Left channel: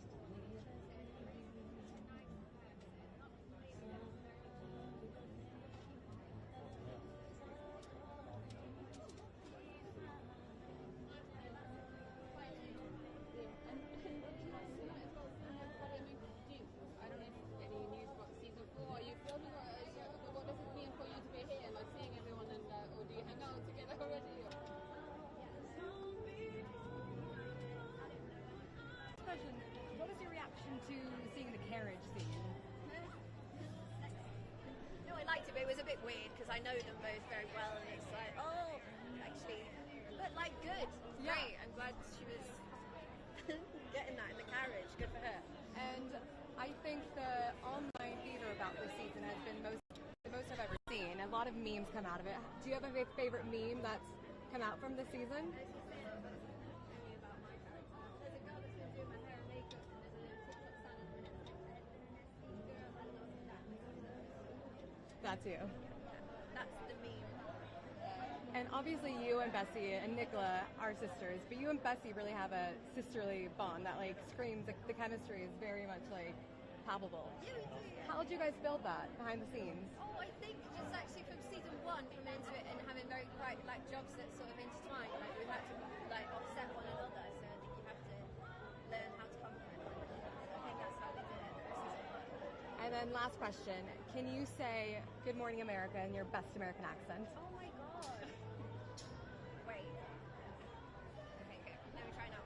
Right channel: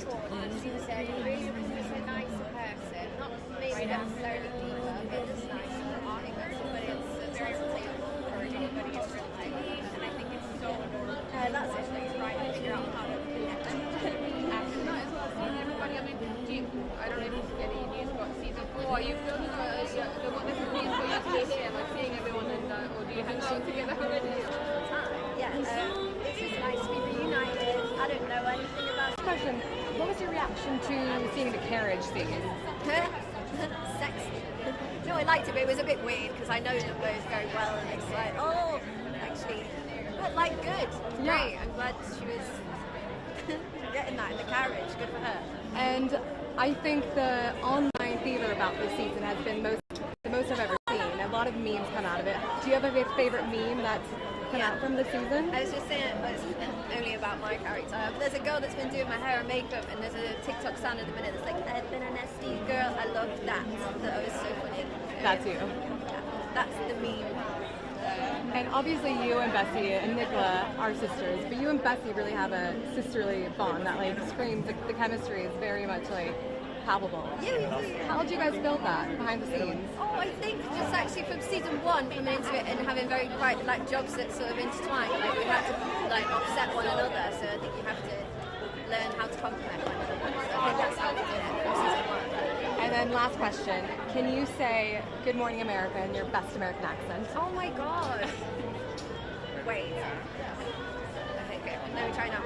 towards us. He said he really was just a nice person, not maybe necessarily diva, but just nice. I think that's, but it's very relatable for anybody in real life, and I think it's so important. That's it. Like trying to figure out how to connect after that as well. Seeing everybody. I mean, I don't know if it's any news about season 4. You feel what this means for you to be here, like seeing everyone, and or do you hang out together already? Yeah, it's just nice to be reunited. I don't know anything about Question, what was your reaction to seeing the carriage scene? sexy. No, I liked it, but it was a bit weird because I know them both very well, and it's like, oh, actually, but like good, great. I'm glad she was getting that in the carriage. Good for her. And I think the online theater about this season has been the most I've ever seen. A lot of memes come out of it. Do you have a favorite meme that's come out from the season? I was just saying, it's only about my character. There's a girl that's been doing my hair and makeup, and there's a TikTok sound at the minute that's like, I've been a nasty girl. I loved that. That was so funny. That's you. Yeah, that's the meme. And obviously you and Bessie and Nicola are sisters, but you and Bessie really have a sisterly bond that like screams, the chemistry is very much like palpable. Yeah, we do. How did you guys build that behind the scenes? Oh, I think just actually from season 1 coming into it and having very quite like jobs that sort of intertwine, like we had to like offset one another, so I think you have to learn how to complement one another. So I think that's how we did it from season 1. And then last question, can you say Good Morning America in your best American accent? Oh my god. Wait. Okay, good. Let me try now.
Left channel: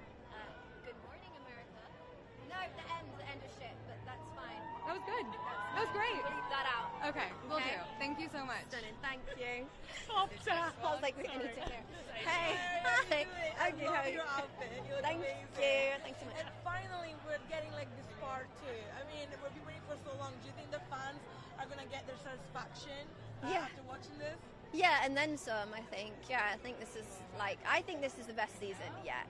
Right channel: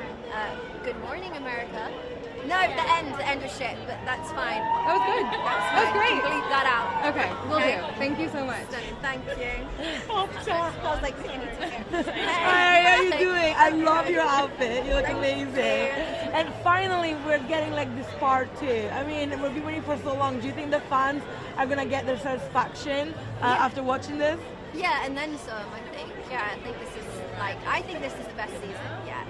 Good morning, America. No, the end was shit, but that's fine. That was good. That was great. Bleep that out. Okay, will do. Thank you so much. Stunning. Thank you. Oh, I was like, I need to hear. Hi, how are you doing? I love your outfit. You look amazing. And finally, we're getting like this part too. I mean, we've been waiting for so long. Do you think the fans are gonna get their satisfaction after watching this? Yeah, and then some, I think. Yeah, I think this is the best season yet.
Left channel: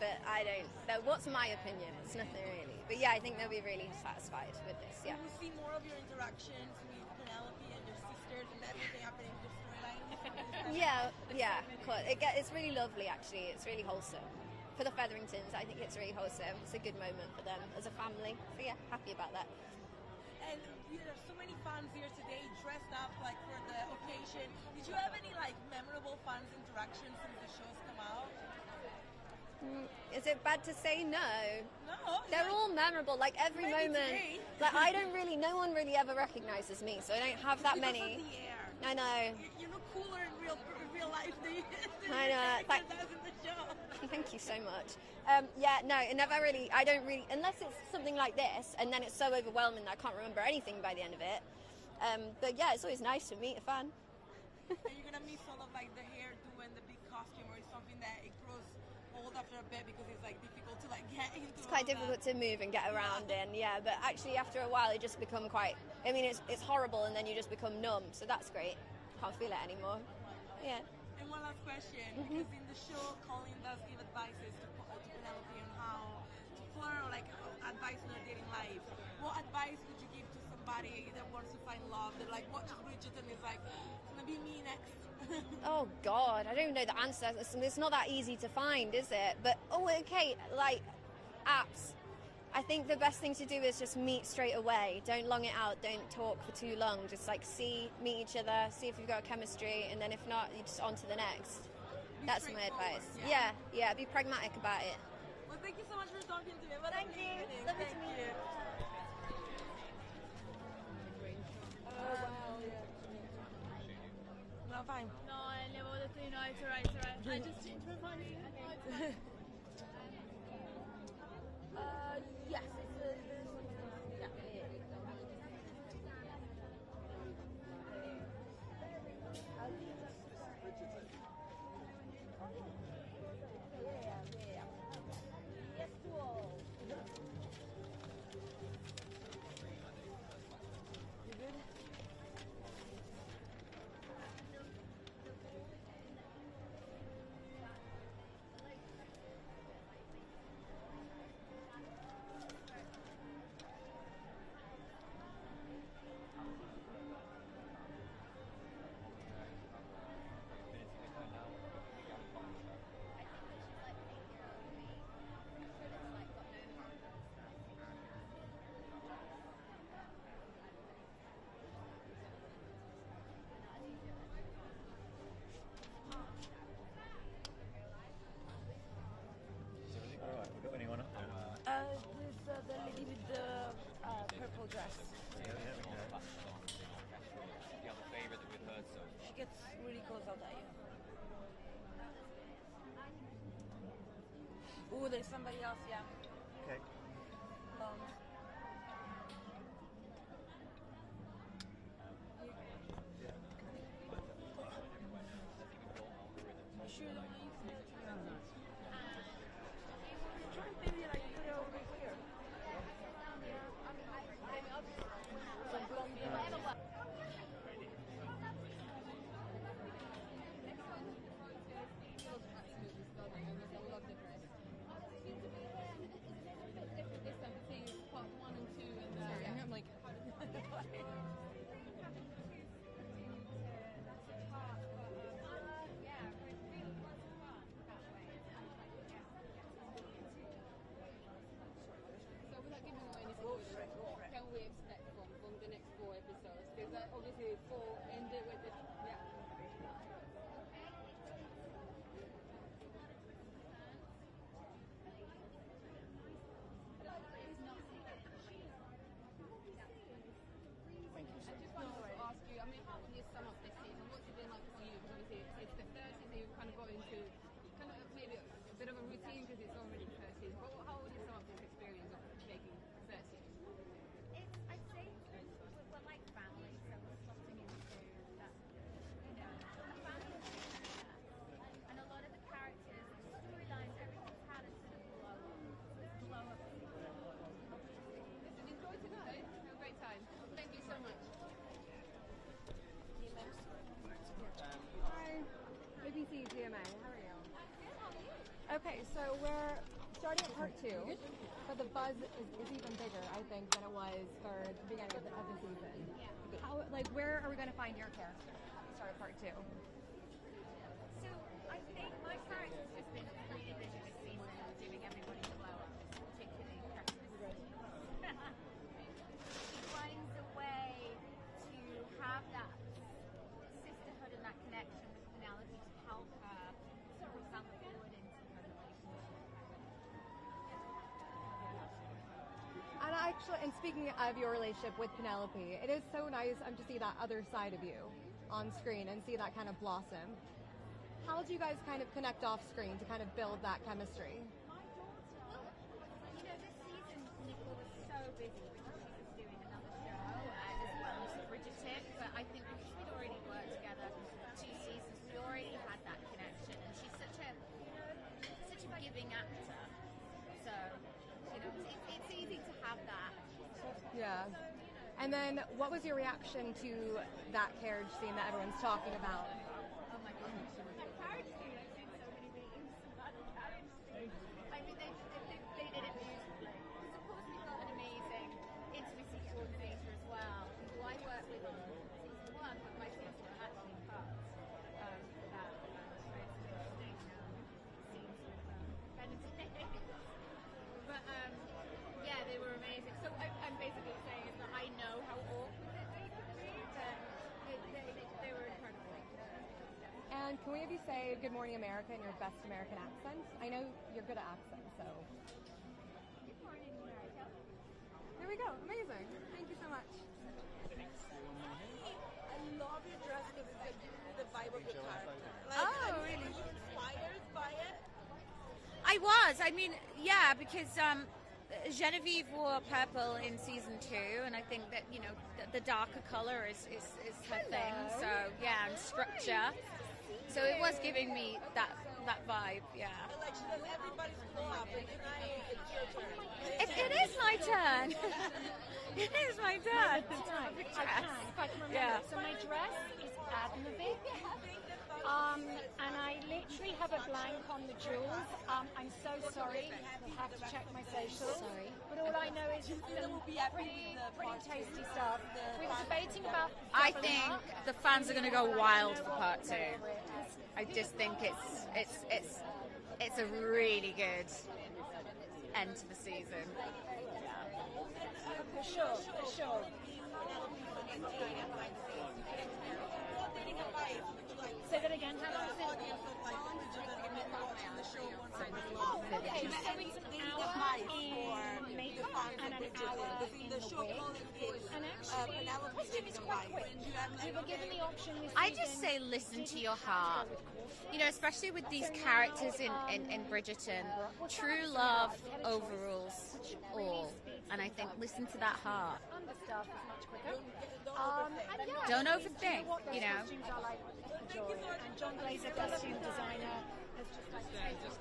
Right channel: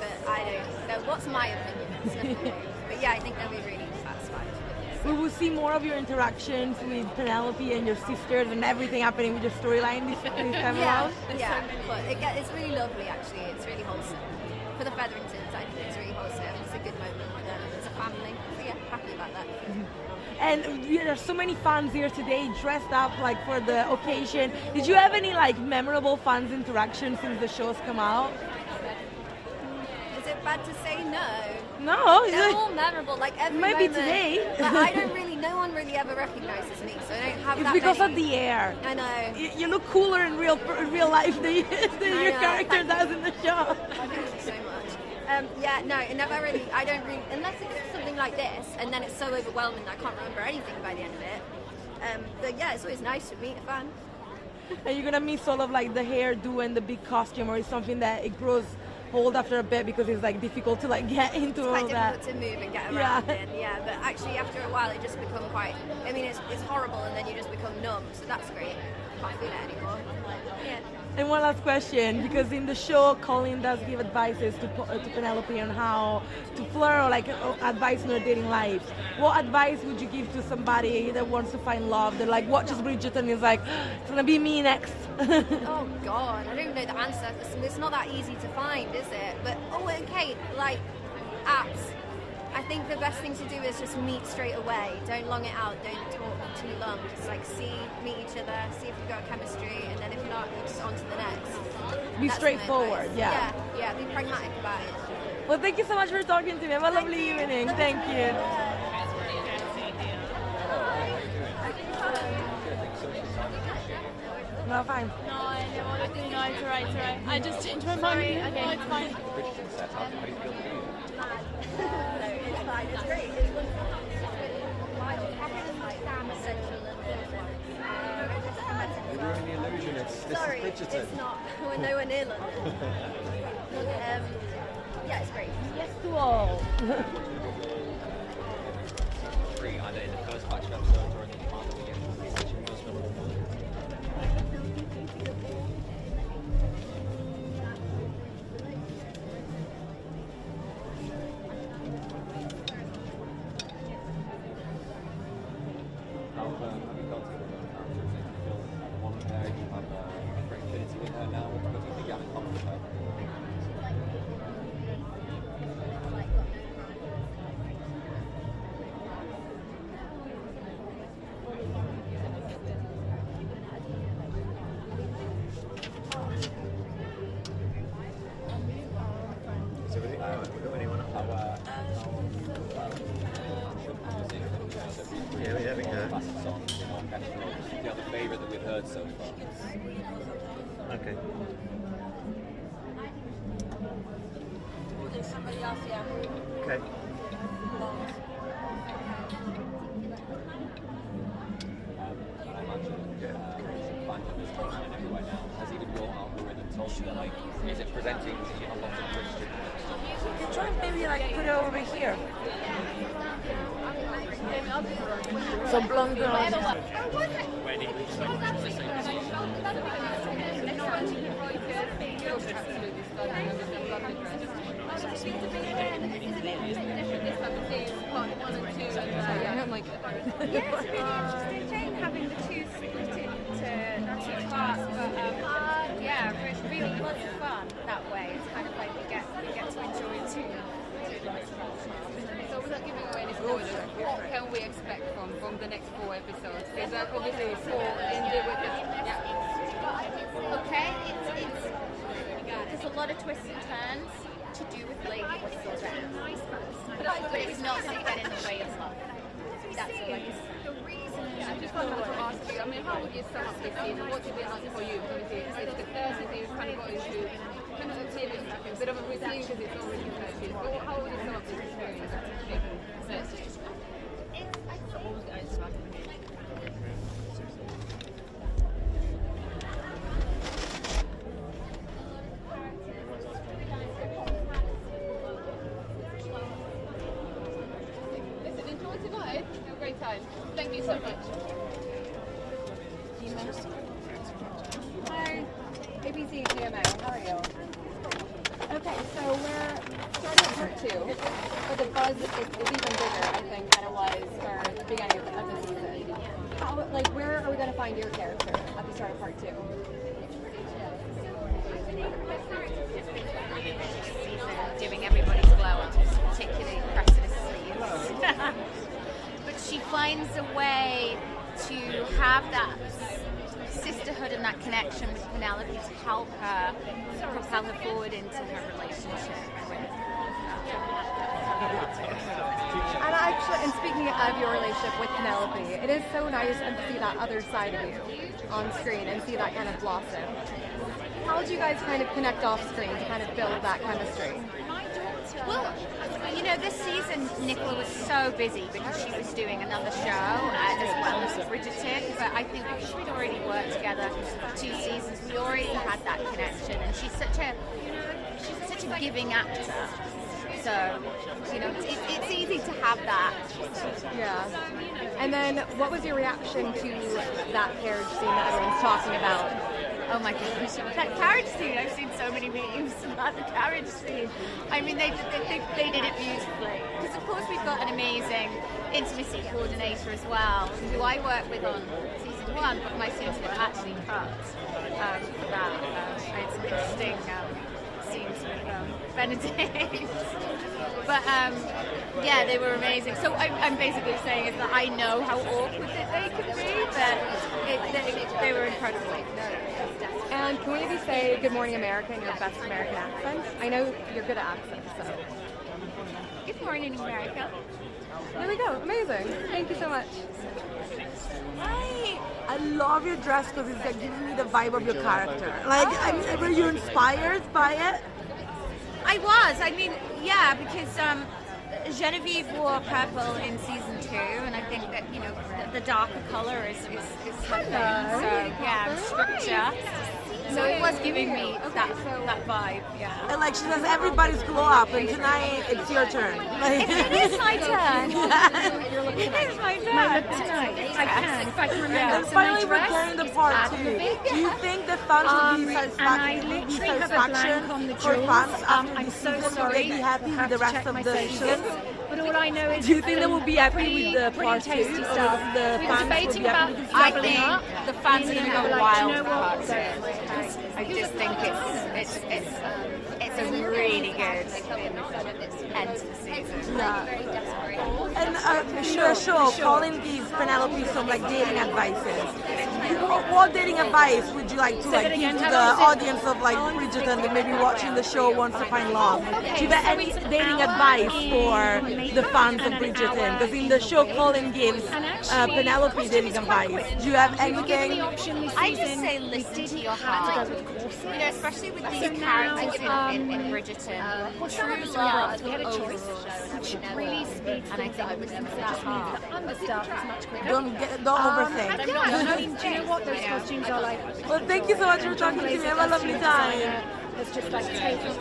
But I don't know. What's my opinion? It's nothing new. But yeah, I think they'll be really satisfied with this. We will see more of your interactions with Penelope and your sisters and everything happening with your storyline this time around. Yeah, but it's really lovely actually. It's really wholesome. For the Featheringtons, I think it's really wholesome. It's a good moment as a family. So yeah, happy about that. And there are so many fans here today dressed up like for the occasion. Did you have any like memorable fans interactions since the show's come out? Is it bad to say no? No, They're all memorable, like every might be moment. today. But I don't really, no one really ever recognises me, so I don't have It's that because many. of the air. I know. You look cooler in real life than your know. character does in the show. Thank you so much. Yeah, no, it never really, I don't really, unless it's something like this, and then it's so overwhelming that I can't remember anything by the end of it. But yeah, it's always nice to meet a fan. And you're gonna miss all of like the hairdo and the big costume, or is something that it grows hold after a bit because it's like difficult to like get into It's all quite that. difficult to move and get around in, yeah, but actually after a while it just become quite, I mean it's horrible and then you just become numb, so that's great. Can't feel it anymore. Yeah. And one last question, because in the show, Colin does give advices to Penelope on how to flirt or like advice in their dating lives. What advice would you give to somebody that wants to find love, that like watches Bridgerton and is like, it's gonna be me next? Oh God, I don't know the answer. It's not that easy to find, is it? But, oh okay, like apps. I think the best thing to do is just meet straight away. Don't long it out, don't talk too long. Just like meet each other, see if you've got chemistry, and then if not, you just on to the next. Be That's straightforward, my yeah. advice. Yeah, be pragmatic about it. Well, thank you so much for talking to me. Have a lovely evening. Thank you. No, fine. No, I never think no, it's alright, it's alright. I just changed my mind. Okay, no, it's fine. It's fine, it's great. It's wonderful. You're ruining the illusion. This Sorry, is Bridgerton. it's not. We're nowhere near London. Yeah, it's great. Yes to all. Free either in the first batch of episodes or in the part that we get researching those films. it's really cool sometimes. Okay. Oh, there's somebody else, yeah. Okay. Is it presenting a lot of Christian? You can try and maybe like put it over here. So blonde girls. I'm like, Yeah, it's really interesting, Jane, having the two split into parts, but yeah, it's really lots of fun that way. It's kind of like you get to enjoy two. So without giving away any spoilers, what can we expect from the next 4 episodes? Is that obviously 4 ended with the... Yeah. Okay, there's a lot of twists and turns to do with Lady Whistledown, but it's not to get in the way of love. That's all I can say. I just wanted to ask you, I mean, how would you sum up this season? What's it been like for you? Obviously, it's the first season you've kind of got into kind of maybe a bit of a routine because it's not really the first season. But how would you sum up this experience of making first season? Listen, enjoy tonight. Have a great time. Thank you so much. hi, ABC GMA, how are you? Okay, so we're starting part 2, but the buzz is even bigger, I think, than it was for the beginning of the season. How, where are we going to find your character at the start of part 2? Doing everybody's glow up, particularly Cressida's sleeves. But she finds a way to have that sisterhood and that connection with Penelope to help her propel her forward into her relationship with And speaking of your relationship with Penelope, it is so nice to see that other side of you on screen and see that kind of blossom. How did you guys kind of connect off screen to kind of build that chemistry? Well, you know, this season Nicola was so busy because she was doing another show as well as Bridgerton, but I think because we'd already worked together 2 seasons, we already had that connection, and she's such a giving actor. So, you know, it's easy to have that. Yeah. And then what was your reaction to that carriage scene that everyone's talking about? Oh my gosh, that carriage scene, I've seen so many memes about the carriage scene. I mean, they did it beautifully. Because of course we've got an amazing intimacy coordinator as well, who I work with on season 1, but my scenes were actually cut for that. I had some interesting scenes with Benedict. But yeah, they were amazing. So I'm basically saying is that I know how awkward they could be, but they were incredible. And can we maybe say Good Morning America in your best American accent? I know you're good at accents, so. Good morning, America. There we go. Amazing. Thank you so much. I love your dress because it's like giving me the vibe of your character. Like, I mean, were you inspired by it? I was. I mean, yeah, because Genevieve wore purple in season 2, and I think that, you know, the darker color is her thing. So, yeah, structure. So it was giving me that vibe, yeah. And like she says, everybody's glow up, and tonight it's your turn. Like, It is my turn. It is my turn. Tonight, I can. If I can remember, and finally we're getting the part 2. Do you think the fans will be satisfaction for fans after I'm this so season? Will sorry. they be happy with the rest of the season? But all I know is Do you think they will be happy with the part 2? tasty Or stuff. the We're fans will debating be about happy with I doubling think up. the fans are going to go Like, wild do you know for what? part 2. I just think it's a really good end to the season. Yeah. And in the show, Colin gives Penelope some like dating advices. What dating advice would you like to like give to the audience of like Bridgerton that may be watching the show wants to find love? Do you have any dating advice for the fans of Bridgerton? Because in the show, Colin gives Penelope dating advice. Do you have anything? I just say listen to your heart. You know, especially with these characters in Bridgerton. True love. We had a choice. Really speed And I think listen to that heart. Understaffed is much quicker. Don't overthink. I mean, do you know what those costumes are like? Well, thank you so much for talking to me. Have a lovely time. It's just like taken.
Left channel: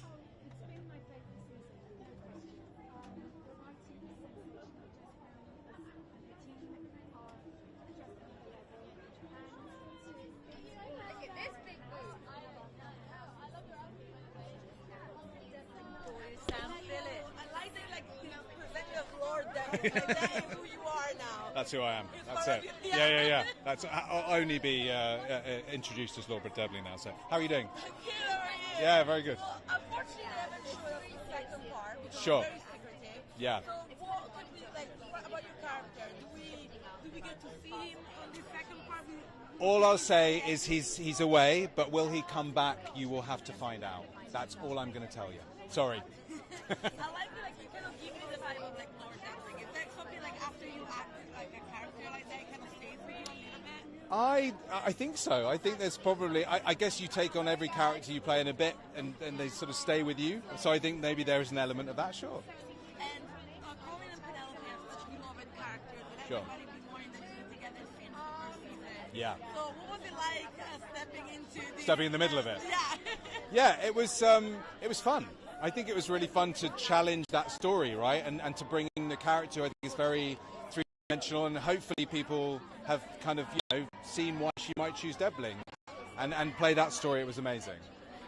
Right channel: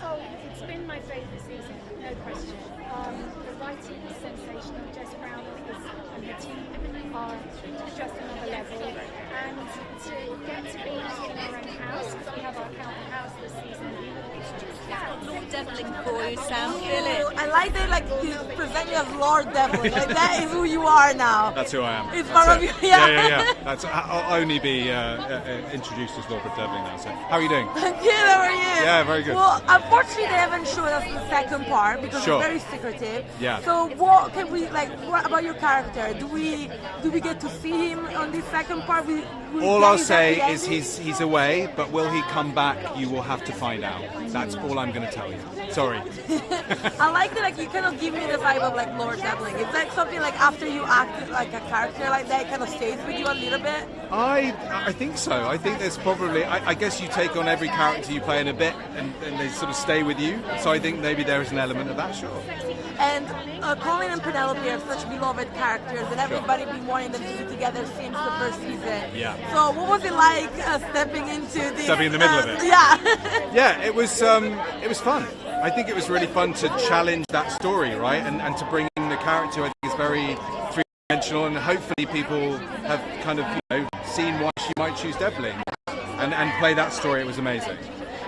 Oh, it's been my favourite season, no question. The writing is sensational. Jess Brown and her team are just another level. And to get to be in our own house, because we have our county house this season, it's just Lord Devlin for you, Sam. Feel it. I like that like you present you as Lord Devlin. Like that is who you are now. That's who I am. It's part of you. Yeah. That's I'll only be introduced as Lord Devlin now. So, how are you doing? Good, how are you? Yeah, very good. Well, unfortunately, they haven't shown us the second part because Sure. it's very secretive. Yeah. So, what can we like? What about your character? Do we get to see him on this second part? All I'll say is he's away, but will he come back? You will have to find out. That's all I'm going to tell you. Sorry. I like that. Like you kind of give me the vibe of like Lord Devlin. It's like something like after you act like a character like that, it kind of stays with you a little bit. I think so. I think there's probably. I guess you take on every character you play in a bit, and they sort of stay with you. So I think maybe there is an element of that. Sure. And Colin and Penelope are such beloved characters, and everybody been wanting them to be together since the first season. Yeah. So what was it like stepping into this? Stepping in the middle of it. Yeah. Yeah, it was fun. I think it was really fun to challenge that story, right? And to bring in the character, I think is very three-dimensional, and hopefully people have kind of seen why she might choose Devlin and play that story. It was amazing.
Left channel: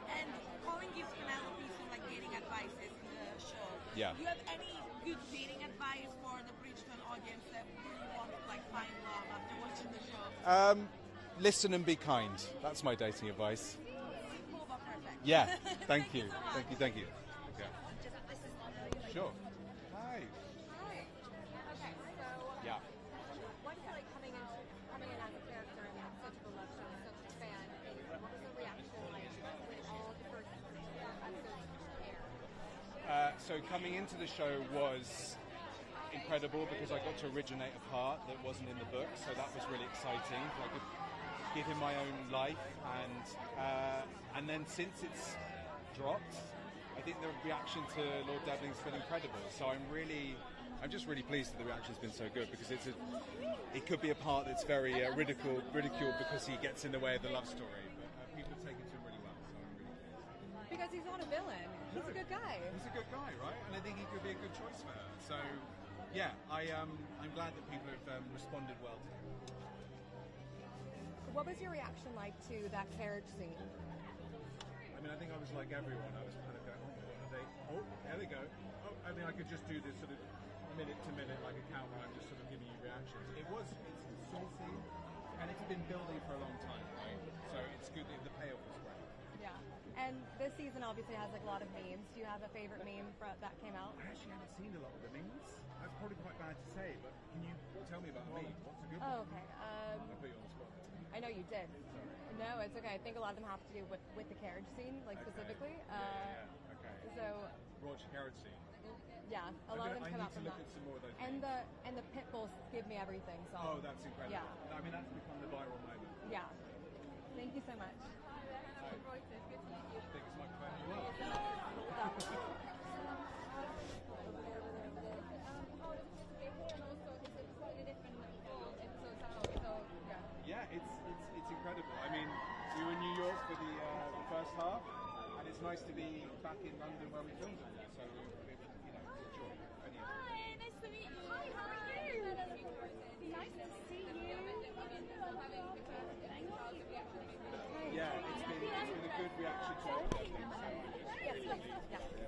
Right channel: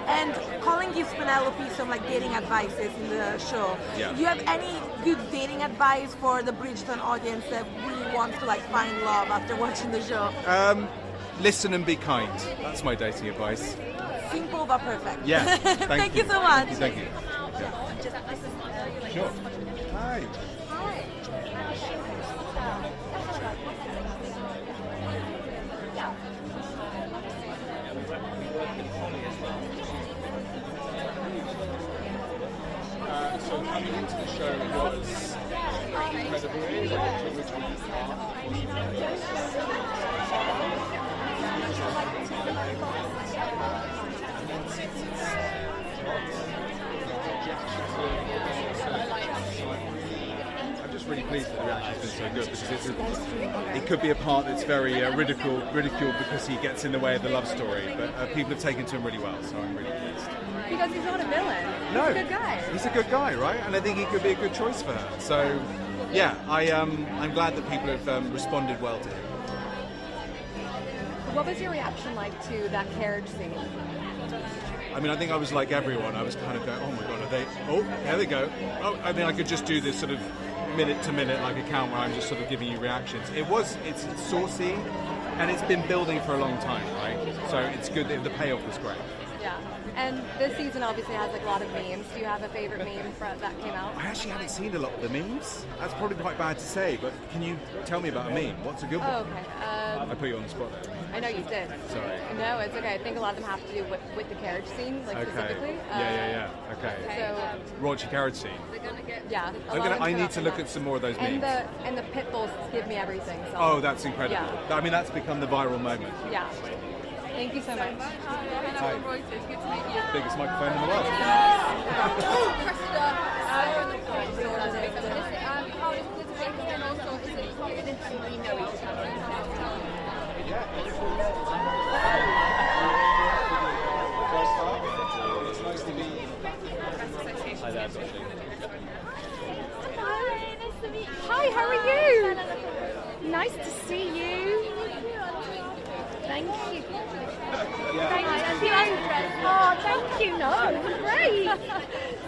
And Colin gives Penelope some like dating advices in the show. Yeah. Do you have any good dating advice for the Bridgerton audience that really wants to like find love after watching the show? Listen and be kind. That's my dating advice. Simple but perfect. Yeah. Thank you so much. Thank you. Sure. Hi. So coming into the show was incredible. Like the original and then since it's I'm just really pleased that the reaction's been so good because it could be a part that's very ridiculed because he gets in the way of the love story, but people have taken to him really well, so I'm really pleased. Because he's not a villain. No, He's a good guy. He's a good guy, right? And I think he could be a good choice for her. So, yeah, I'm glad that people have responded well to him. What was your reaction like to that carriage scene? I mean, I think I was like everyone. I was kind of going, oh my god, are they? Oh, there they go. Oh, I mean, I could just do this sort of minute-to-minute like account where I'm just sort of giving you reactions. It's saucy, and it's been building for a long time, right? So it's good that the payoff was great. Yeah. And this season obviously has like a lot of memes. Do you have a favorite meme that came out? I actually haven't seen a lot of the memes. That's probably quite bad to say, but can you tell me about a meme? What's a good one? Oh, okay. I put you on the spot there. I know you did. Sorry. No, it's okay. I think a lot of them have to do with the carriage scene, like specifically. Yeah. Okay. So Raunchy carriage scene. yeah. I need to look at some more of those memes. And the pit bulls give me everything. So. Oh, that's incredible. Yeah. I mean, that's become the viral moment. Yeah. Thank you so much. Hi. Biggest microphone in the world. It's nice to be back in the Hi there, Hi, how are you? Nice to see you. Thank you. Thank you. Oh, thank you. No, great.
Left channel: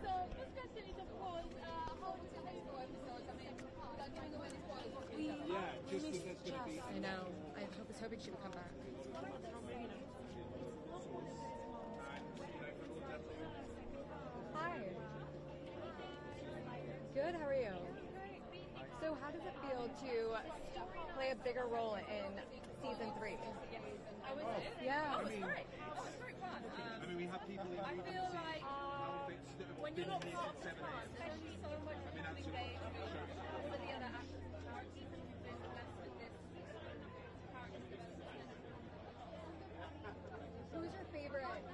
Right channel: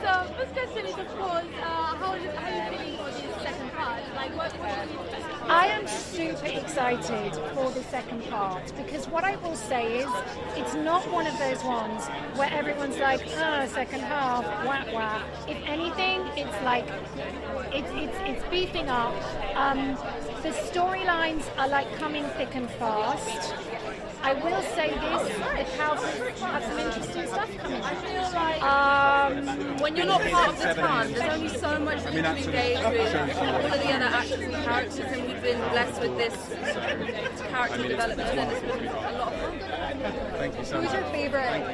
So, first question is, of course, how are you feeling for this second I'm super excited for the second part because what I will say is it's not one of those ones where everyone's like, second half, wah wah. If anything, it's like it's beefing up. The storylines are like coming thick and fast. I will say this, the characters have some interesting stuff coming. I feel like when you're not part of the cast, there's only so much that you can engage with all of the other actors and characters, and we've been blessed with this character development, and it's been a lot of fun. Thank you so much. Who's your favorite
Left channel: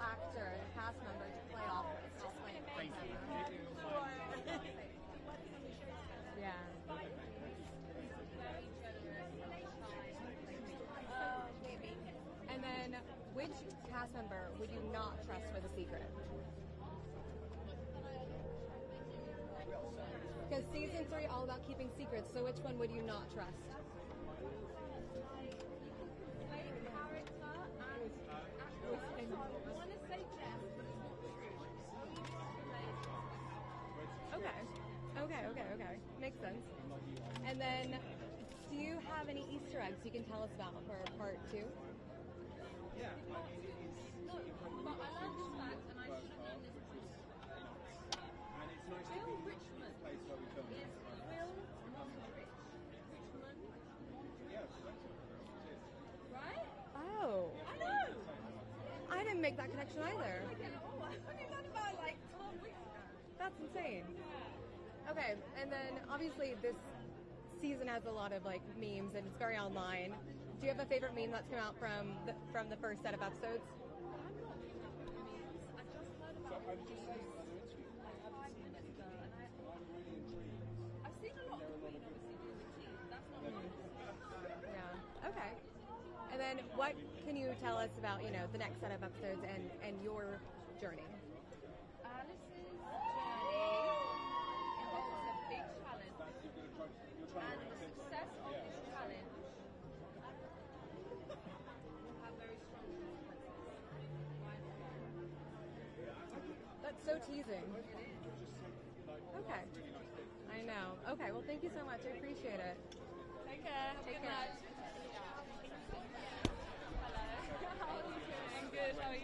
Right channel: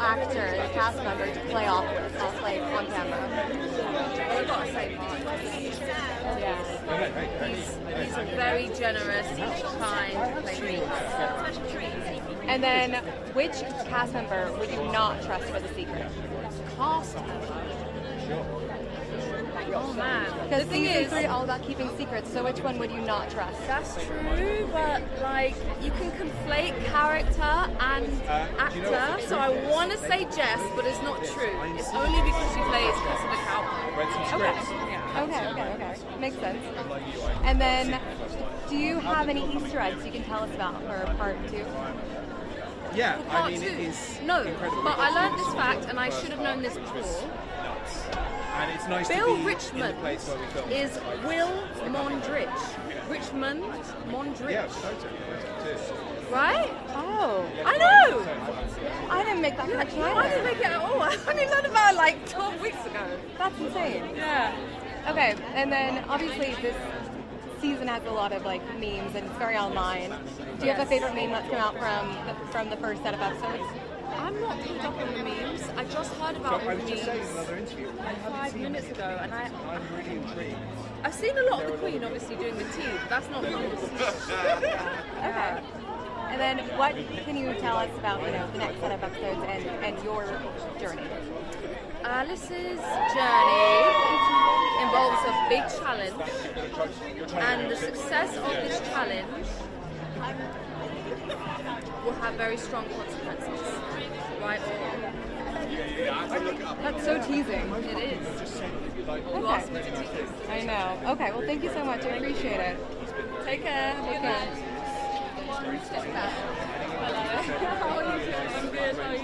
actor, cast member to play off with, like on camera? I've got to say Mark. Yeah. He's a very generous, kind player. And then, which cast member would you not trust for the secret? Cast member? Oh man. Because season 3 all about keeping secrets, so which one would you not trust? That's true, but like you can conflate character and actor, so I want to say Jess, but it's not true. It's only because she plays Cressida Cowboy. Okay. Makes sense. And then, do you have any Easter eggs you can tell us about for part 2? Yeah, Part 2. it is No, incredibly but I learned fun. this fact, and I should have known this before. And it's nice Bill to be in Richmond the place where we filmed. is Will Mondrich. Richmond Mondrich. Yeah, totally. Right? Oh, I know! I didn't make that connection either. I didn't make it at all. I only learned about it like 12 weeks ago. That's insane. Yeah. Okay, and then obviously this season has a lot of like memes and it's very online. Do you have a favorite meme that's come out from the first set of episodes? I'm not picked up on the memes. I just heard about the I was just memes saying in another interview, like 5 minutes ago, and I'm really intrigued. I've seen a lot of the Queen obviously doing the tea, but that's not memes. Okay. And then what can you tell us about, the next set of episodes and your journey? Alice's journey involves a big challenge, and the success of this challenge will have very strong consequences, right or wrong. That's so teasing. It is. You Okay. asked me to tease. I know. Okay, well thank you so much. I appreciate it. Take care. Take care. Hello. How are you doing? I'm good. How are you?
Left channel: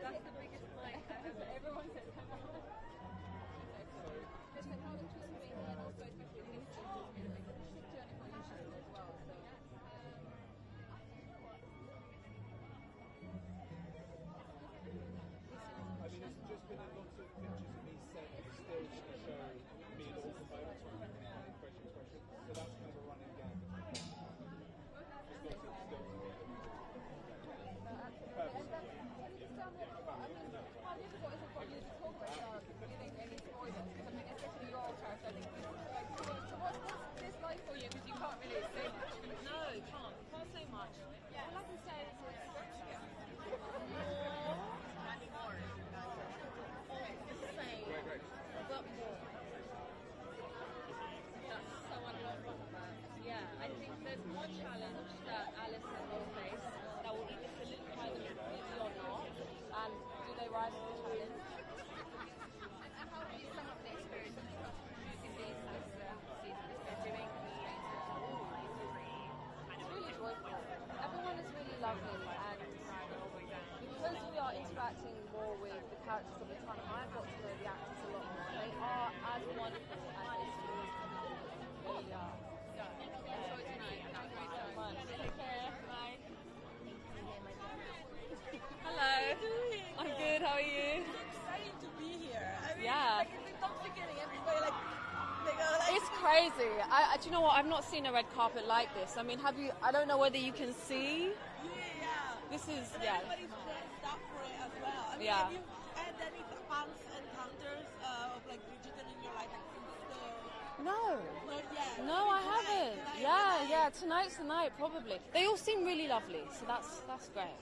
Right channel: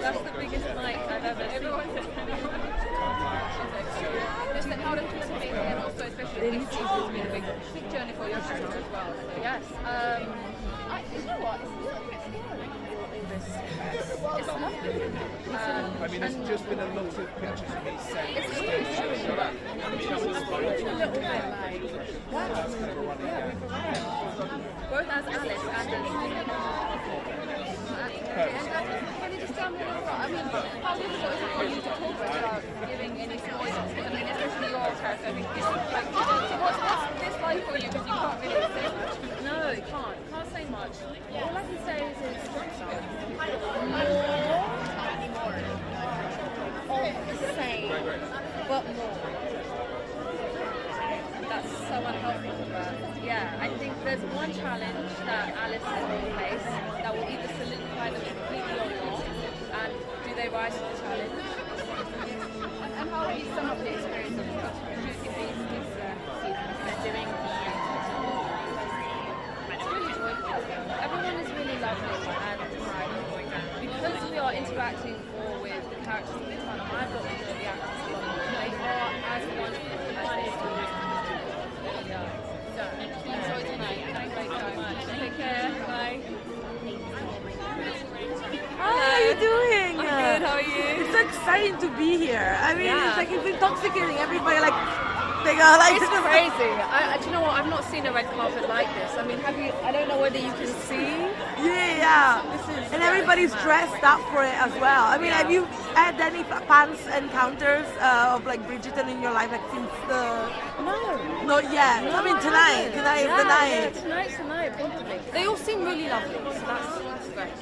That's the biggest mic I've ever seen. Everyone's Just how does it make it, and also especially this season has been a big journey for your character as well. Yes. You know what? It's lovely. I mean, there's just been a lot of pictures of me saying It's really showing that. I'm feeling a little bit like, wow. Yeah, we've arrived. Both as Alice and as Can you just tell me more about, how difficult is it for you to talk without giving any spoilers? I mean, especially your character, like, so what's this like for you? Because you can't really say much. No, can't say much. All I can say is it's more of the same, but more. That's so unhelpful, but yeah, I think there's one challenge that Alice will face that will either solidify them completely or not, and do they rise to the challenge? And how would you sum up the experience of shooting these seasons and doing It's really joyful. Everyone is really lovely, and because we are interacting more with the characters all the time, I've got to know the actors a lot more. They are as wonderful as they always really are. So, enjoy tonight. Thank you so much. Take care. Bye. Hi, how are you doing? I'm good. How are you? It's so exciting to be here. I mean, Yeah. it's like it's intoxicating. Everybody they go like It's crazy. Do you know what? I've not seen a red carpet like this. I mean, have you? I don't know whether you can see. Yeah. This is And everybody's dressed up for it as well. I mean, Yeah. have you had any fans encounters of like Bridgerton in your life, like since the? No. Not yet. I mean, tonight. Tonight is the night. Yeah, tonight's the night, probably. They all seem really lovely, so that's great.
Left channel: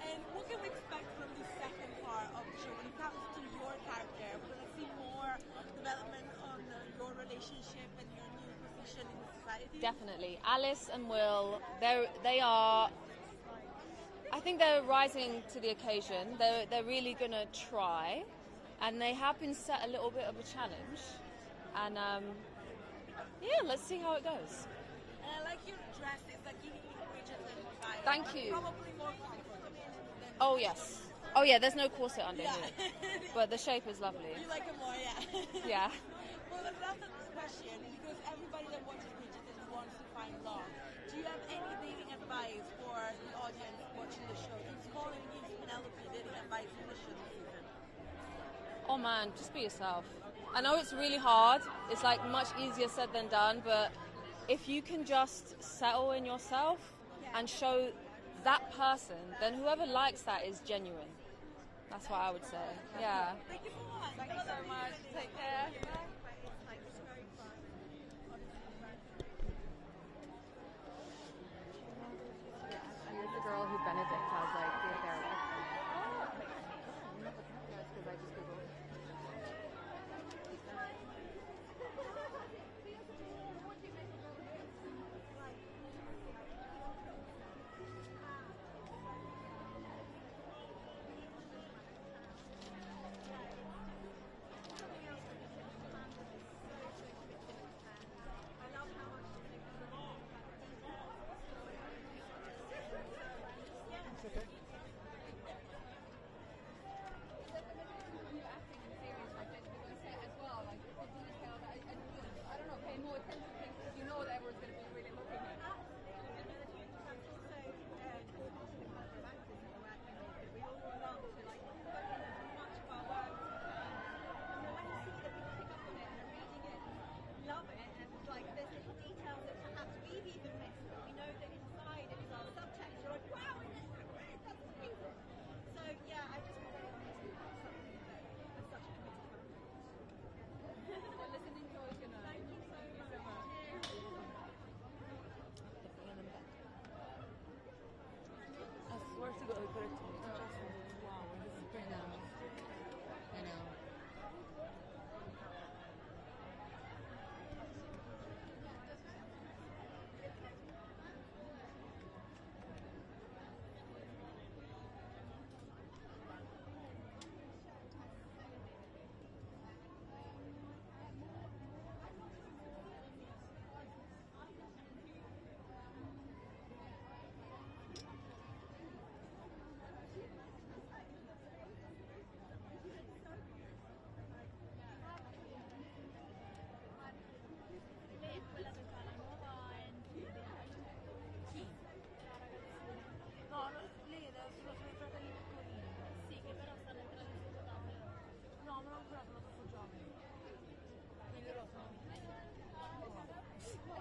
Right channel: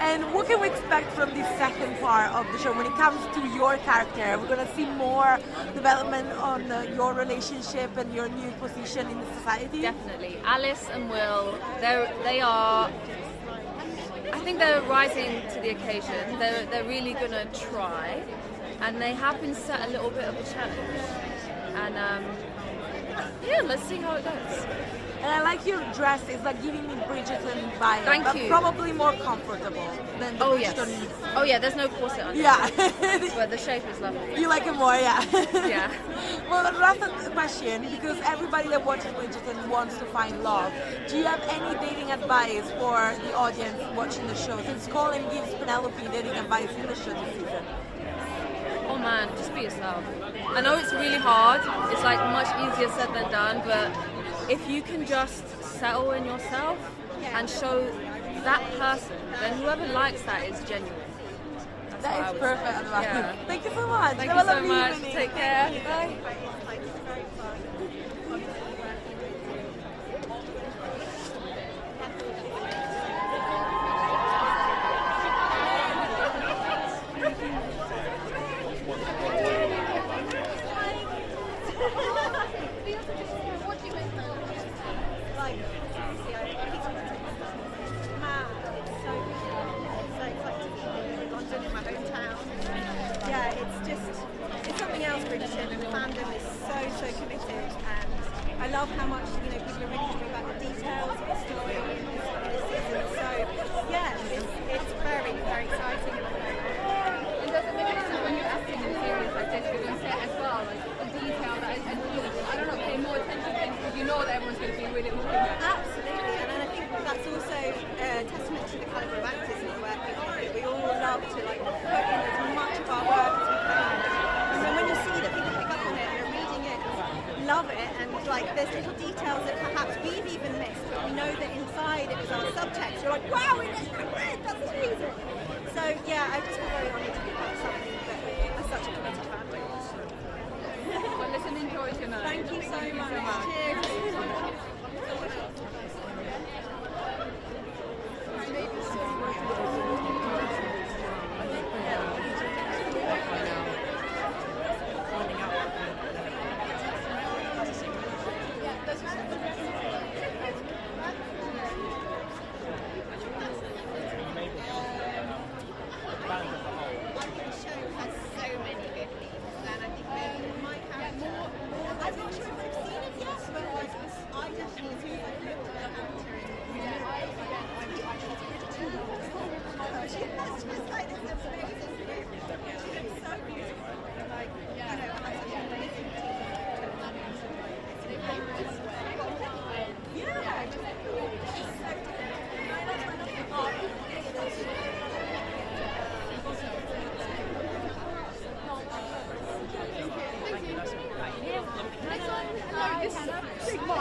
And what can we expect from this second part of the show when it comes to your character? We're going to see more development on your relationship and your new position in the society? Definitely. Alice and Will, they are, I think they're rising to the occasion. They're really going to try, and they have been set a little bit of a challenge. And Yeah, let's see how it goes. And I like your dress. It's like giving me Bridgerton vibe. Thank but you. Probably more comfortable than the Oh yes. Bridgerton. Oh yeah, there's no corset on it. Yeah. But the shape is lovely. You like it more, yeah. Yeah. Well, the last question, because everybody that watches Bridgerton wants to find love. Do you have any dating advice for the audience watching the show? Since Colin gives Penelope dating advice in the show this season. Oh man, just be yourself. I know it's really hard. It's like much easier said than done, but if you can just settle in yourself and show that person, then whoever likes that is genuine. That's what I That is would perfect say. advice. Yeah. Thank you so much. Thank Have you a so lovely much. evening. Take care. Bye. Yeah, it's something else, Bridgerton, and the fandom is so committed, and I love how much, people are really talking about the details of the story in this season, so yeah, it's very, very exciting at the moment. And does it make sense when you're acting in series like this, you're going to set as well, like the detail that is, and I don't know, pay more attention to things because you know that everyone's going to be really looking at. Absolutely, and I think that's also a testament to the caliber of actors that we're working with. We all love to put in as much of our work as we can, and then when you see that people pick up on it and are reading it, love it, and there's little details that perhaps we've even missed, but we know that inside it was our subtext. You're like, wow, that's amazing. So yeah, I just feel very honoured to be part of something that is such a committed family. Well, listen, enjoy tonight. Thank you so much. Cheers.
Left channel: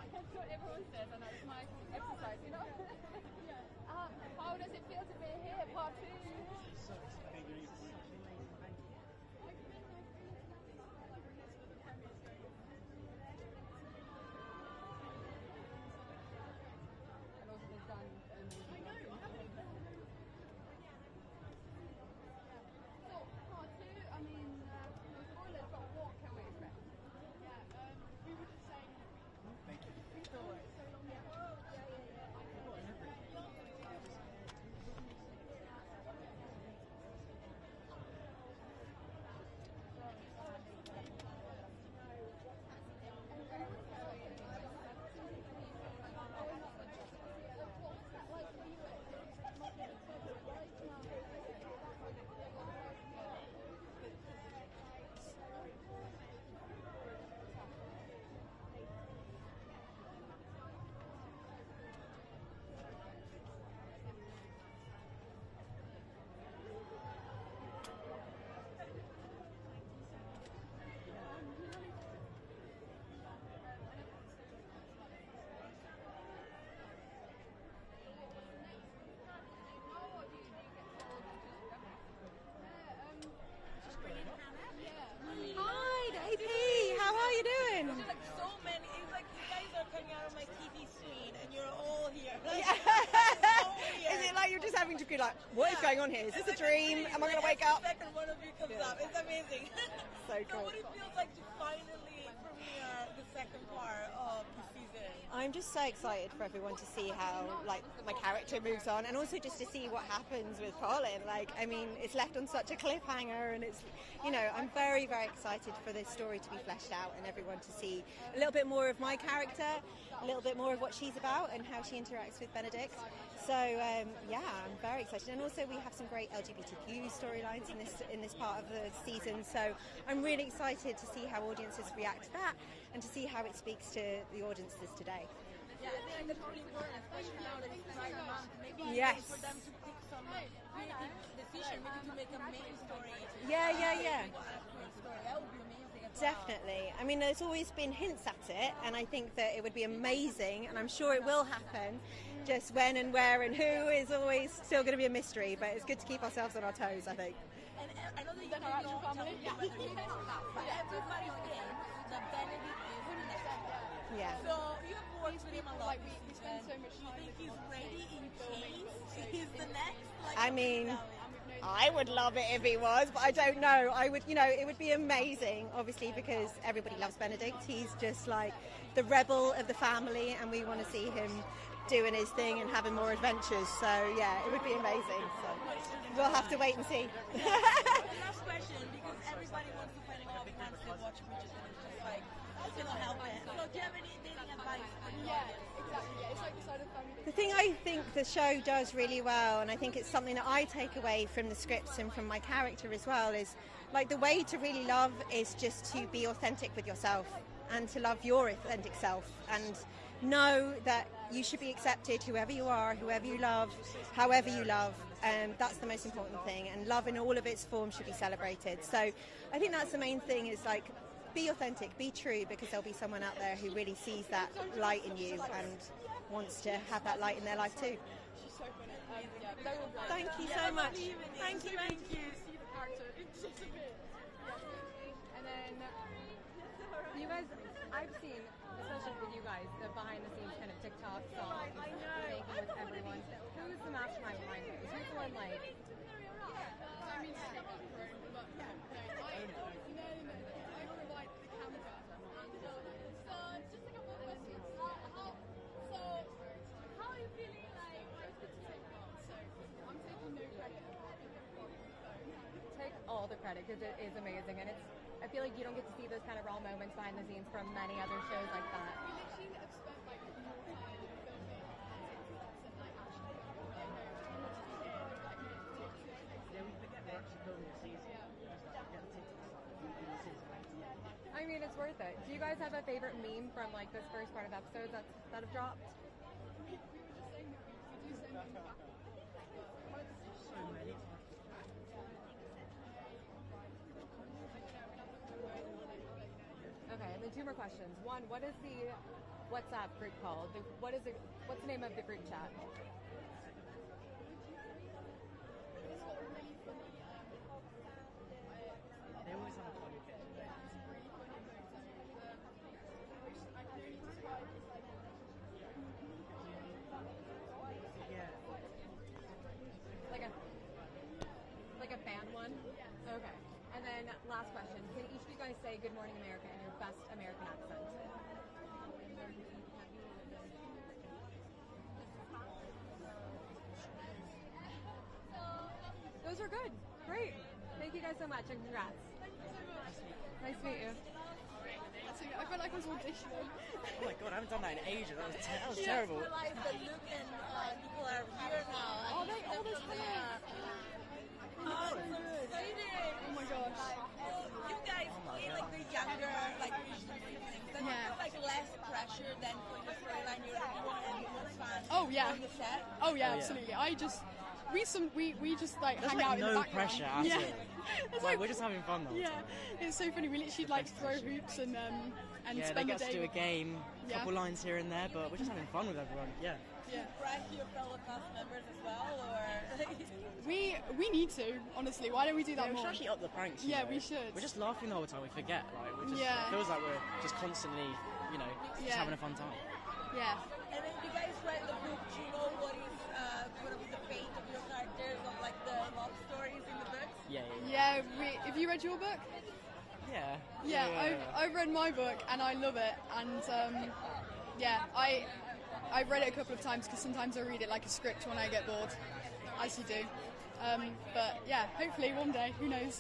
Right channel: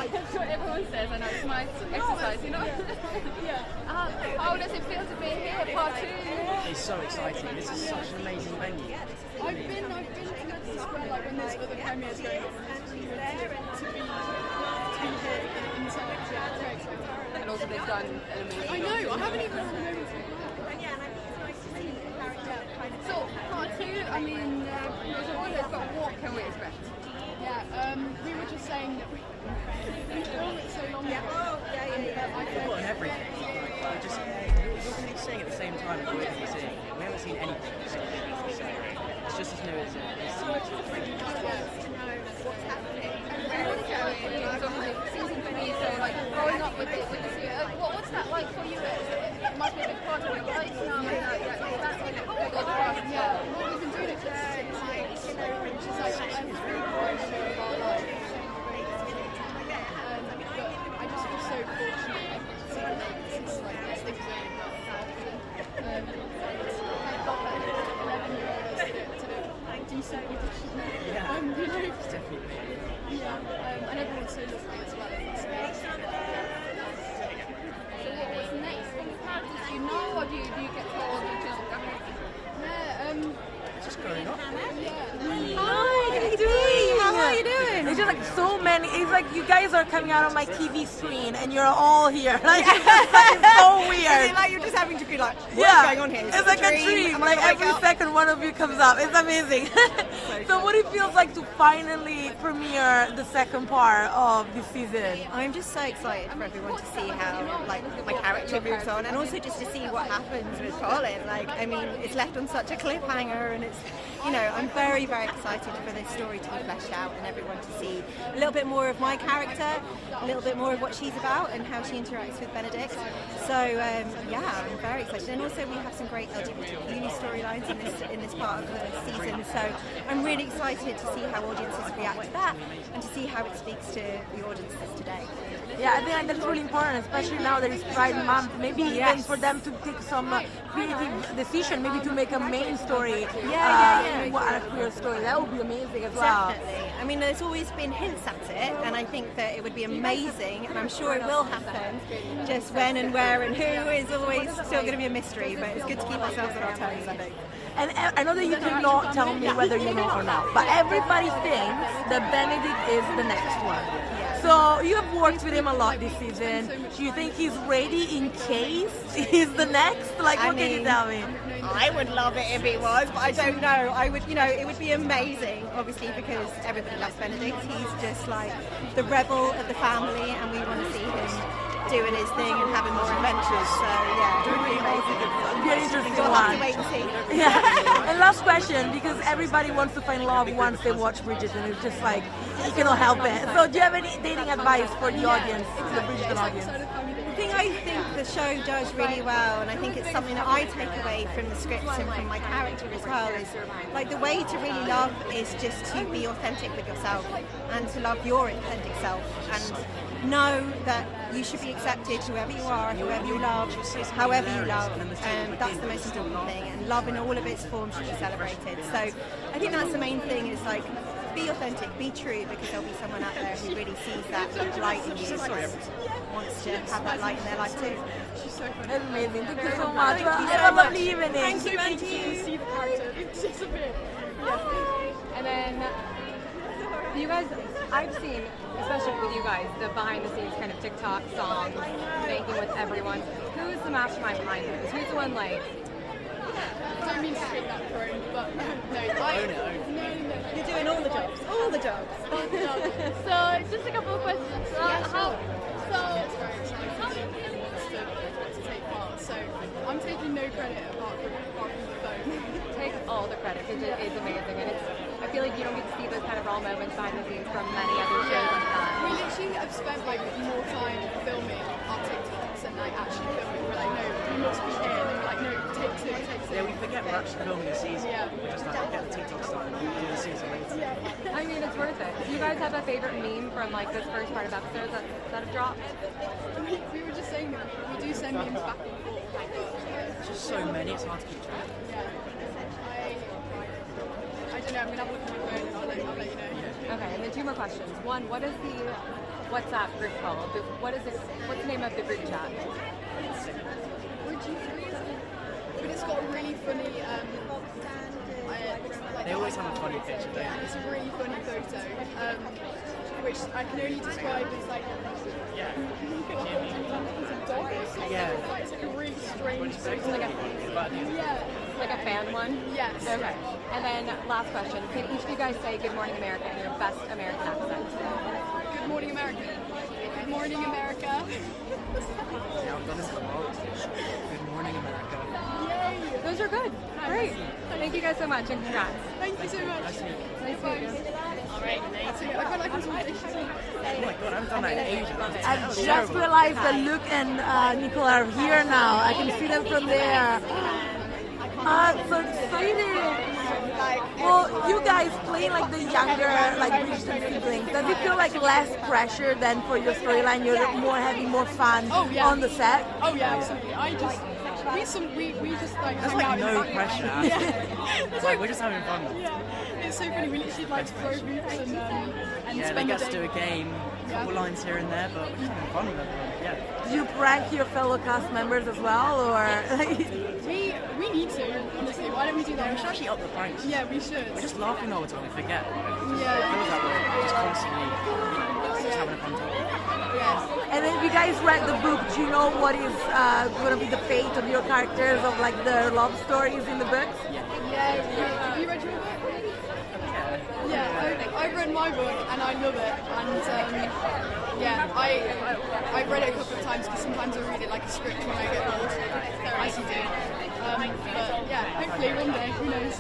That's what everyone says, I know it's my exercise, yeah. How does it feel to be here, part 2? It's so exciting. This is such an amazing venue. I've been to Leicester Square when there's other premieres going on, and she's there, and to be here inside, very exciting. And also they've done an amazing I know, I haven't even So, part 2, I mean, there's always, but what can we expect? Yeah, we were just saying that we filmed it so long ago. We've got everything. We're just we're saying at the same time as we're seeing. We haven't seen anything so it's just as new as Season 3, so growing up with the series, what's that like for you? It must be a big part of your life now. That's like a big old part. Yeah, what we've been doing it which is like a really great show of our life. I just feel so fortunate to make this things do so with the show. it's definitely And everyone's so lovely as well in this space. So what's next from the characters? Do you know, or do you get told you don't? Yeah, just growing up. Hi, how are you doing? How are you doing? It's just so many. It's like you guys are coming out on my TV screen and you're all here. It's so weird. You're just having to be like, what's going on here? It's like a dream. Like every second one of you comes up. It's amazing. So what it feels like to finally premiere the second part of this season? I'm just so excited for everyone to see how my character moves on, and also just to see what happens with Colin. I mean, it's left on such a cliffhanger, and you know, I'm very, very excited for this story to be fleshed out and everyone to see a little bit more of my character, a little bit more of what she's about and how she interacts with Benedict. So yeah, I'm very excited. And also we have some great LGBTQ storylines in this part of the season. So I'm really excited to see how audiences react to that and to see how it speaks to the audiences today. Yeah, I think that's really important, especially now that it's Pride Month. Maybe even for them to take some creative decision, maybe to make a main story, a queer story. That would be amazing as well. Definitely. I mean, there's always been hints at it, and I think that it would be amazing, and I'm sure it will happen. Just when and where and who is always still going to be a mystery, but it's good to keep ourselves on our toes, I think. And I know that you cannot tell me whether you know or not, but everybody thinks that Benedict is the next one. So you have worked with him a lot this season. Do you think he's ready in case he's the next? Like, what can you tell me? I would love it if he was, but I don't know. I would, you know, it would be amazing, obviously, because everybody loves Benedict. He's just like the rebel of the family, and we want to see him doing his thing and having more adventures. So yeah, it would be amazing. Very interesting We'll have to one. wait and see. Yeah. And last question, because everybody wants to find love once they watch Bridgerton. It's just like, you cannot help it. So do you have any dating advice for the audience, the Bridgerton audience? I think the show does really well, and I think it's something that I take away from the scripts and from my character as well, is like the way to really love is just to be authentic with yourself and to love your authentic self and know that you should be accepted whoever you are, whoever you love, however you love, and that's the most important thing, and love in all of its forms should be celebrated. So I think that's the main thing, is like, be authentic, be true, because there'll be someone out there who really sees that light in you and wants to have that light in their life too. That's amazing. Thank you so much. Have a lovely evening. Thank you. See the character. It's just a bit. And then you guys, I've seen, especially with you guys, the behind the scenes kind of TikTok songs, making with everyone. Who is the mastermind behind this? Who's the one like? I don't mean to take that throne, but no, no. You're doing all the jobs. All the jobs. So, just a couple of questions. How to take part? So, I'm taking no credit apart from the phone. Take all the credit because it is amazing, and I feel like you don't get to see those kind of raw moments behind the scenes from many other shows like that. We literally have spent like more time filming our TikToks and like actually filming. We're like, no, you must be here. And we're like, no, take two. Yeah, we forget we're actually filming a season. Yeah. We're just like, get the TikTok stuff and we'll do the season later. Yeah. I mean, it's worth it. Do you guys have a favorite meme from like this first part of episodes that have dropped? We were just saying that we do send memes back and forth. It's just so many, it's hard to keep track. Yeah. I don't know, I'm going to have a look at my phone and I'll let you know. Okay, and then two more questions. One, what is the WhatsApp group called? What's the name of the group chat? But it's got a really funny, They always have a funny picture, don't they? it's a really funny photo, which I can only describe as like, Yeah. yeah. It's like a really strange photo. Like a fan one? Yes. Okay. And then last question. Can each of you guys say Good Morning America in your best American accent? Good morning, America. Good morning, America. Yeah, I've done this a lot. Good morning, America. Yay! Those are good. Great. Thank you guys so much and congrats. Thank you so much. Nice to meet you. Nice to meet you. Alright, I feel like I'm Oh my god, I haven't done that in ages. I've just realized that Luke and Nicola are here now. I can see them from there. So excited! Well, you guys play like the younger, like Bridgerton siblings. Does it feel like less pressure than for your storyline? You're more having more fun on the set? Oh yeah, absolutely. We just like There's hang out like no in the background. pressure. Yeah. It's like we're just having fun. Yeah. It's so funny. We literally like throw boots and Yeah, they spend get the to do day. a game, a couple lines here and there, but we're just having fun with everyone. Yeah. Do you prank your fellow cast members as well, or? We need to, honestly. Why don't we do that? We should actually up the pranks. Yeah, we should. We're just laughing all the time, we forget. It Yeah. feels like we're just constantly, just having a fun time. Yeah. And if you guys read the book, do you know what is going to be the fate of your characters, of like their love stories in the books? Yeah. Have you read your book? Yeah, I've read my book and I love it. And yeah, I read it a couple of times because sometimes I read it like a script when I get bored, as you do. But yeah, hopefully one day, who knows?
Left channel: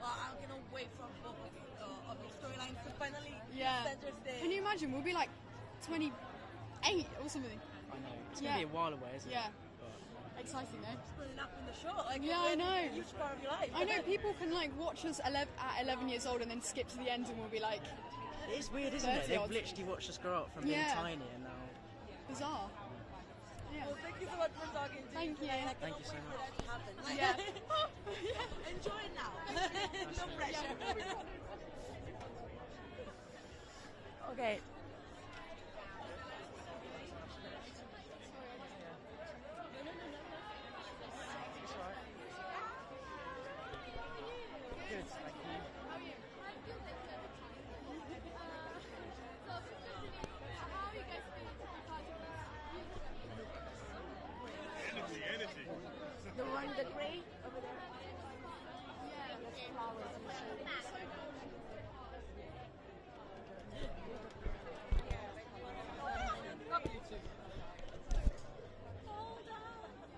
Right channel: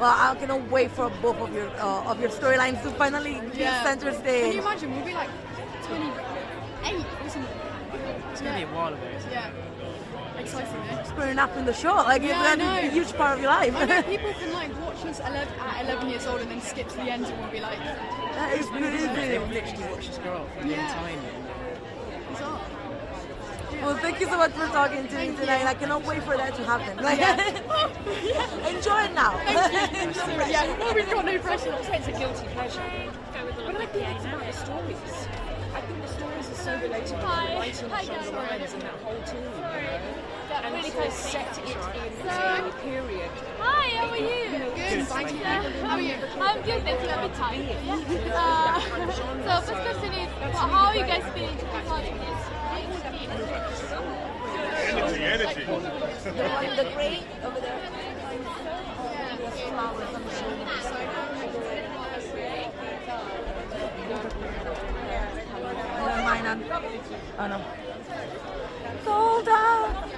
Well, I cannot wait for both of your storylines to finally be center Can stage. you imagine? We'll be like 28 or something. It's going to be a while of it. Yeah. Exciting, eh? It's growing up in the show. Like it's Yeah, I gonna be a know. huge part of your life. I know people can like watch us at 11 years old and then skip to the end and we'll be like, That is crazy. They've literally watched us grow up from being Yeah. tiny. bizarre. Well, thank you so much for talking to me tonight. I cannot wait for that to happen. Like, enjoy it now. Thank you. Yeah, well, we've got no pressure. It's a guilty pleasure. But I think it's about the stories. I think the stories are so relatable. The writing of Sean Ryan's and that whole team. And really kind of set it in the period. Hi, how are you? Good, thank you. How are you? I'm good, thank you. I'm a bit tired. So first question is, how are you guys feeling regarding this? Energy. The one, the gray over there. Never mind, oh no. Sold out.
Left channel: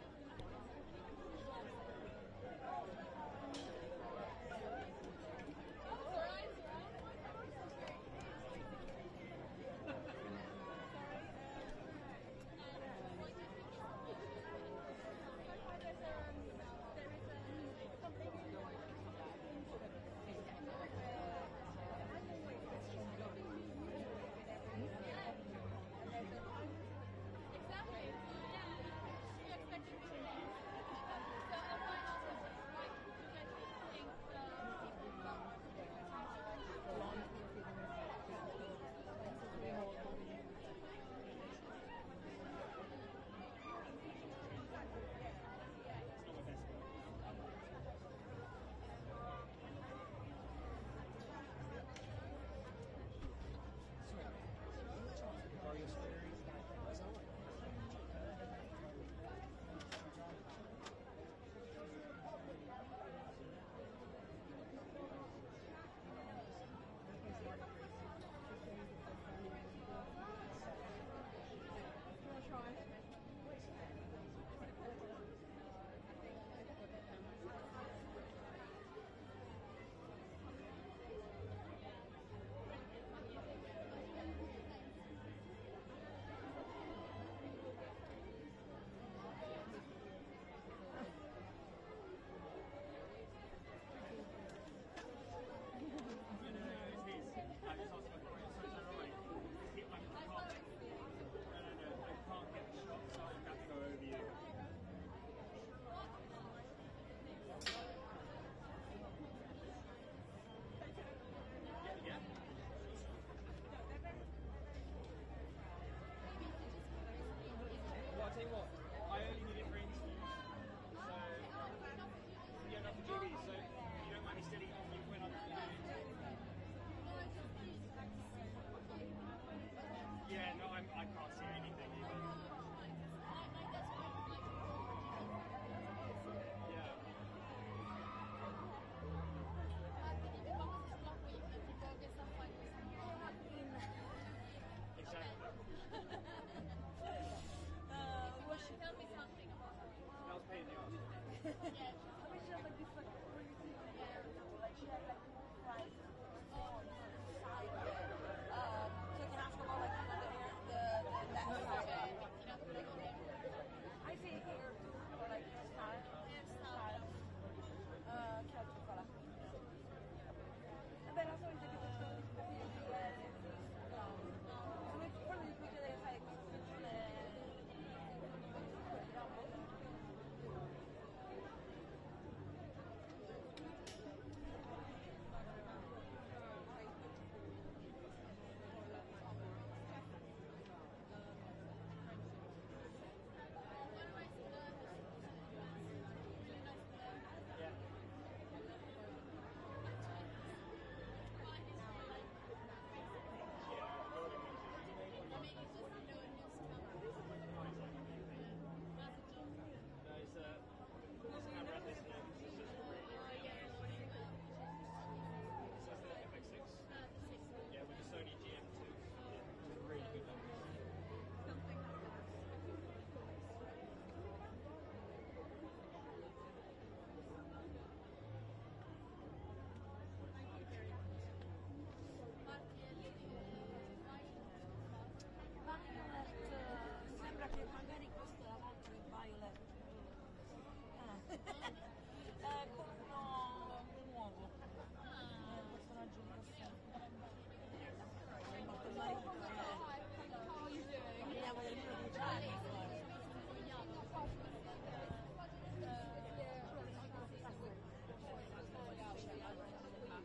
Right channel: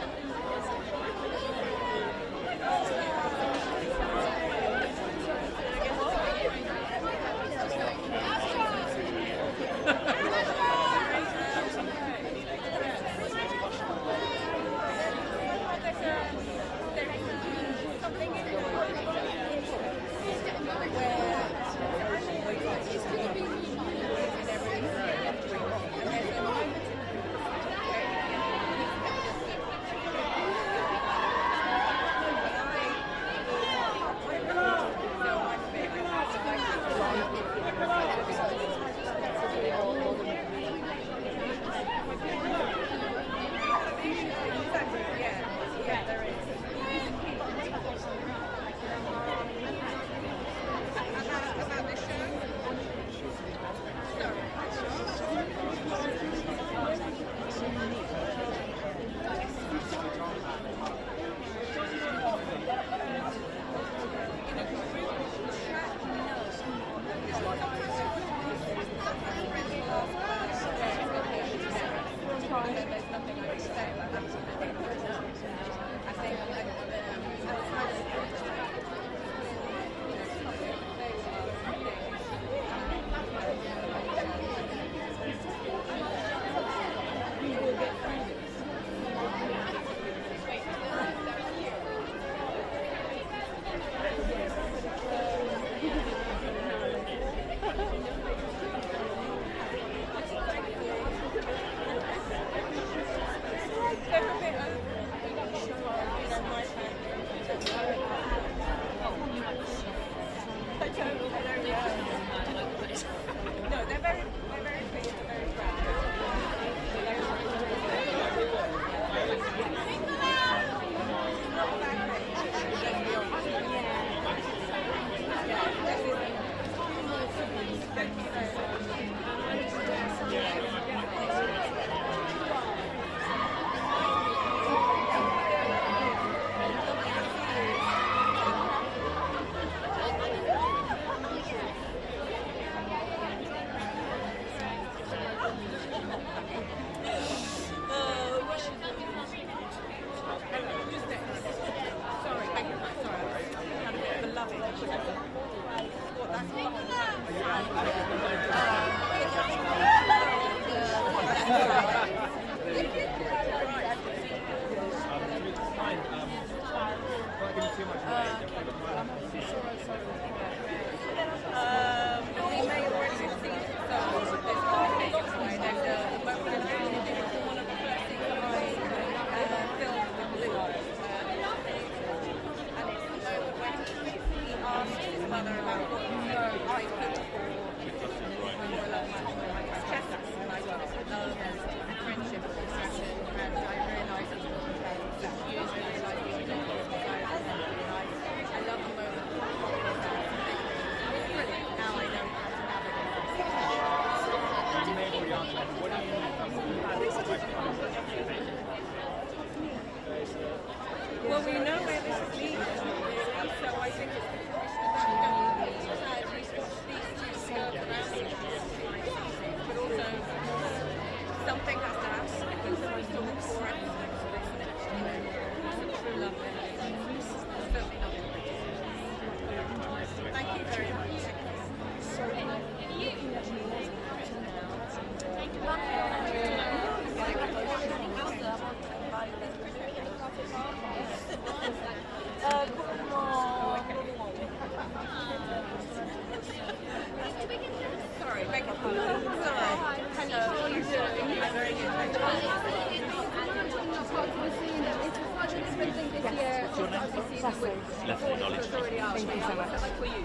Thank you so much. Like for you,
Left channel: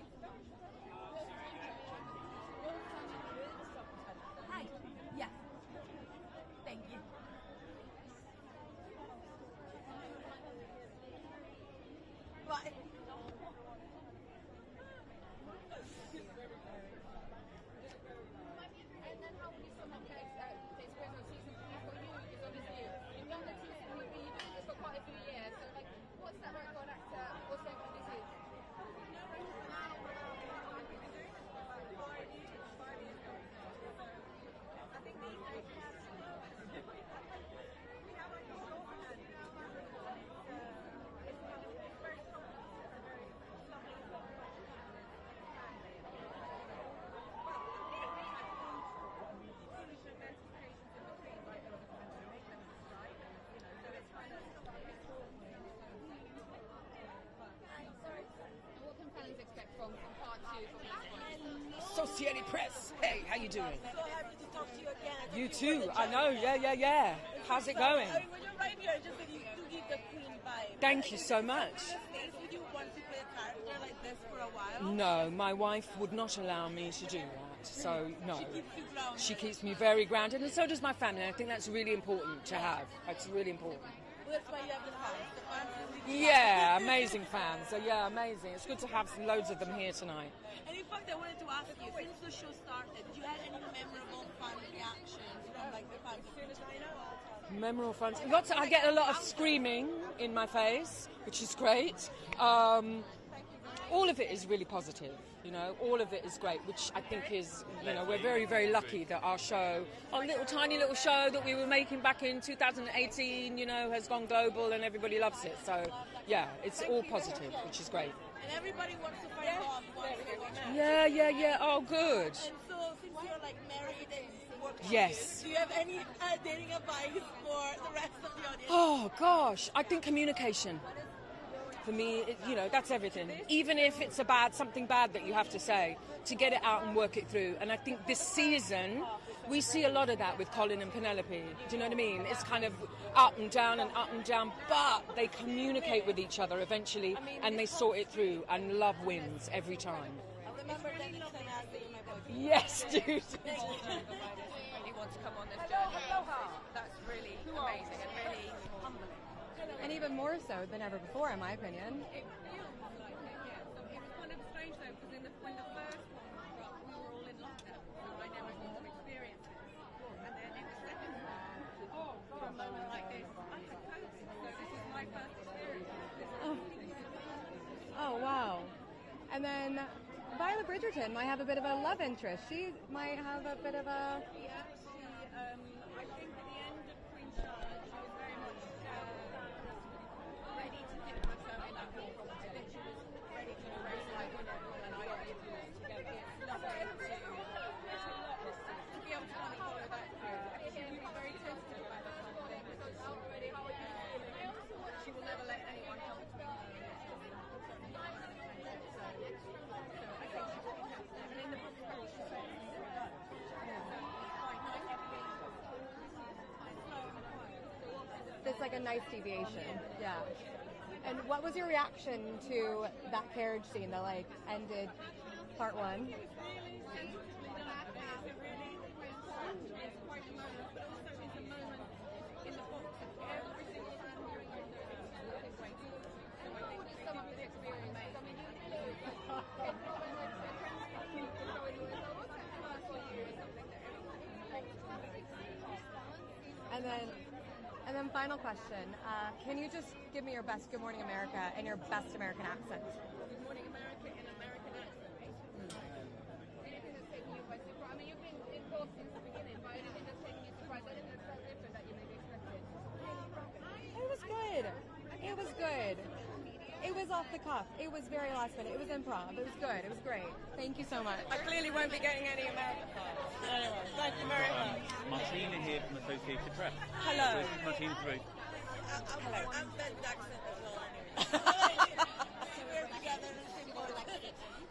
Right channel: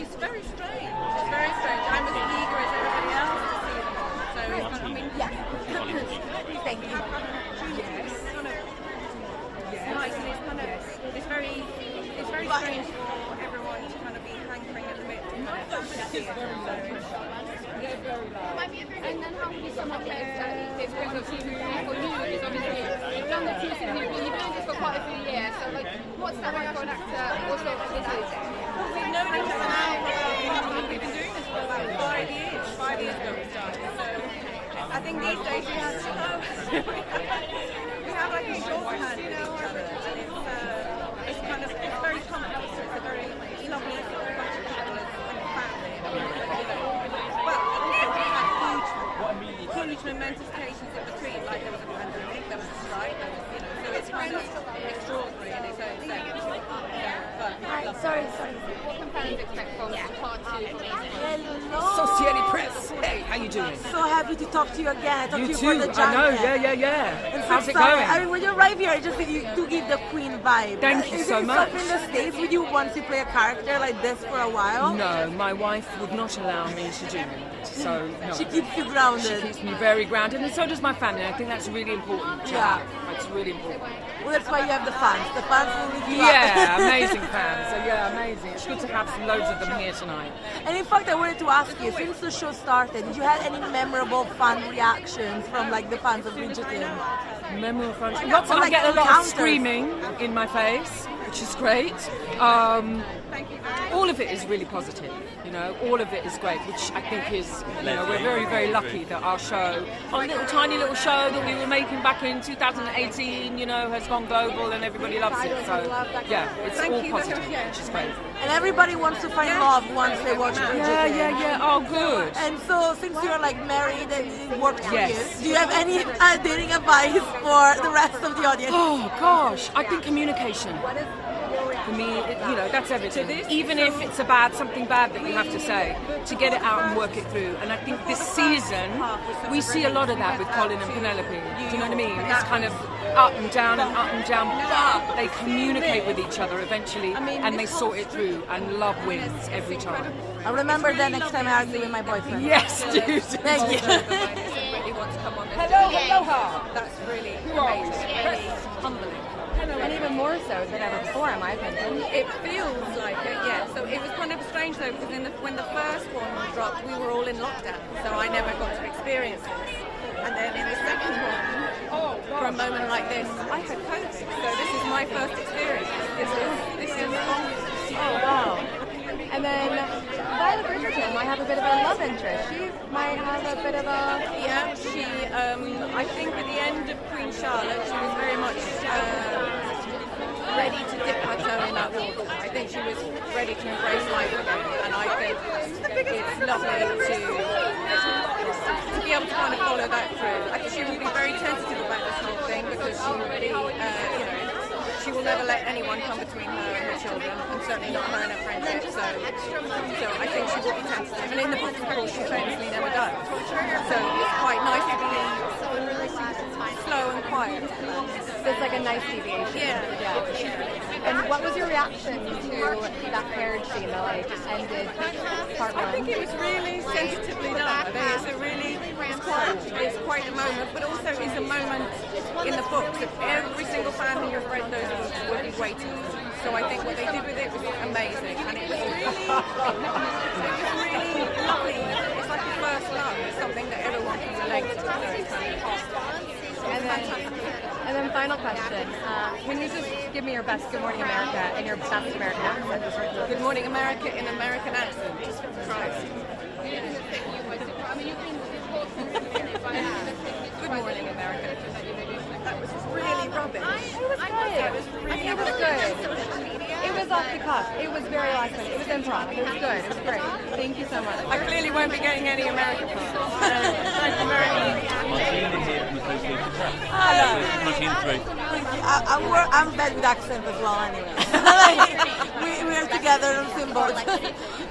it's very strange. It's very strange. I'm as eager as everybody else to see them all. So it's kind of, I mean, yeah. Thank you. Yes. Kind of, it's nice and it's kind of, it's very strange for everyone to kind of be hankering a bit to kind of see it. And then how would you sum up the experience of season 3 for you? Because obviously you've done the 2 seasons, you've been doing this for quite a few years. So like, what's that like for an actor? What's the opportunity? We've known each other now for, we've been doing this for about 5 years. 5 years ago we started. So I think these days we have to know. We have like a shorthand with each other. And it's kind of, it's very complex. It's a very lovely sort of bunch of people as like a family. Well, also we had huge momentous occasions in between, like there was a pandemic, there was a strike, there was, you know, so it's kind of extraordinary in its own sense. Sorry. What can fans expect from part 2? Hello. Society Press. Hey, how you doing? So happy to talk to you again. I talked You to you too. for the I know. jacket. Yeah. And so How's it sorry. going? I mean, when you arrive here, I just think you do give the Queen vibe. Thank you Is so it much. something in the States would you want to play a character like this for a while? No, my wife would not allow me to do that. So no. She keeps you grounded. She keeps me very grounded, and so does my family. I think that's really important. Yeah. That's really important. Well, that's why you have the fans. The fans will lift you Yeah, up. amazing fans. So yeah, amazing. It's good to have loads of them here tonight. And in fact, I wanted to ask you, since the show started, did you have any memorable fun reactions from like the fans of Bridgerton? Memorable fun. Lots of, Or, I like, get a lot of encounters. screaming in my face, which is great. All of it is really positive. You know, all of it is great, which I think is, you know, we're very, very lucky that our show, our little tiny little show that we were making back in 2018, you know, has gone global and everybody loves it. So yeah, it's all positive, which is great. And everybody wants to find love once they watch Bridgerton. Yeah. Oh, good. And so, since you're like married and it worked for Yes. you, do you have any dating advice for the rest of the audience? Oh gosh, I think communication. For me, you know, that's everything. Even if it's something bad that you have to say, to get it out and work it through. And I think this season, we see a lot of that with Colin and Penelope. Do you know what I mean? It's kind of up and down, but they communicate with each other eventually, and they sort it through, and love wins every time. I'll remember that next time I argue with my boyfriend. Yes, dude. Thank you. Hello, aloha. That's really amazing. Humbling. And even more so than ever before, in my opinion. It feels like it, yeah. So it was kind of strange though, because when the first one dropped, we were all in lockdown, so I never got to experience this. And then in the second one, for a moment like this, I had COVID, so this is my first experience. This is Oh wow. And then Violet Bridgerton might have a bit of a love interest. She might have a bit of a... Yeah, she, I think at the end of Queen Charlotte, she was very much ready to dip her toe in that water. I think she was ready to embrace life again, and I think it's lovely to be able to kind of follow that through. I think she will be very tentative about this whole thing, because she will be, you know, she will never let anyone come between her and her children, and certainly not her and her friendship. So I think she will be tentative. And in the book, of course, she famously never does. So it's quite nice to be slow and quiet. So it's like a nice deviation. Yeah. And what was your reaction to that carriage scene that like ended part 1? I think it was really sensitively done. I think it's quite a moment, but also it's a moment in the book that every single fan who has read those books will be waiting for. So I think what they did with it was amazing, and it was really lovely. It's like the first love. It's something that everyone can relate to. So it's kind of And then final question. Can you just give me your best Good Morning America and your best American accent? Good Morning America in American accent. Just try. Good Morning America. That was really rubbish. It was good. It was good. It was off the cuff. It was very last minute. It was improv. It was good. It was great. Thank you so much. I clearly won't be getting any American. Thanks, American. smoothly. Mushing through. I'm bad with accent as well, anyway. we are together on symbols.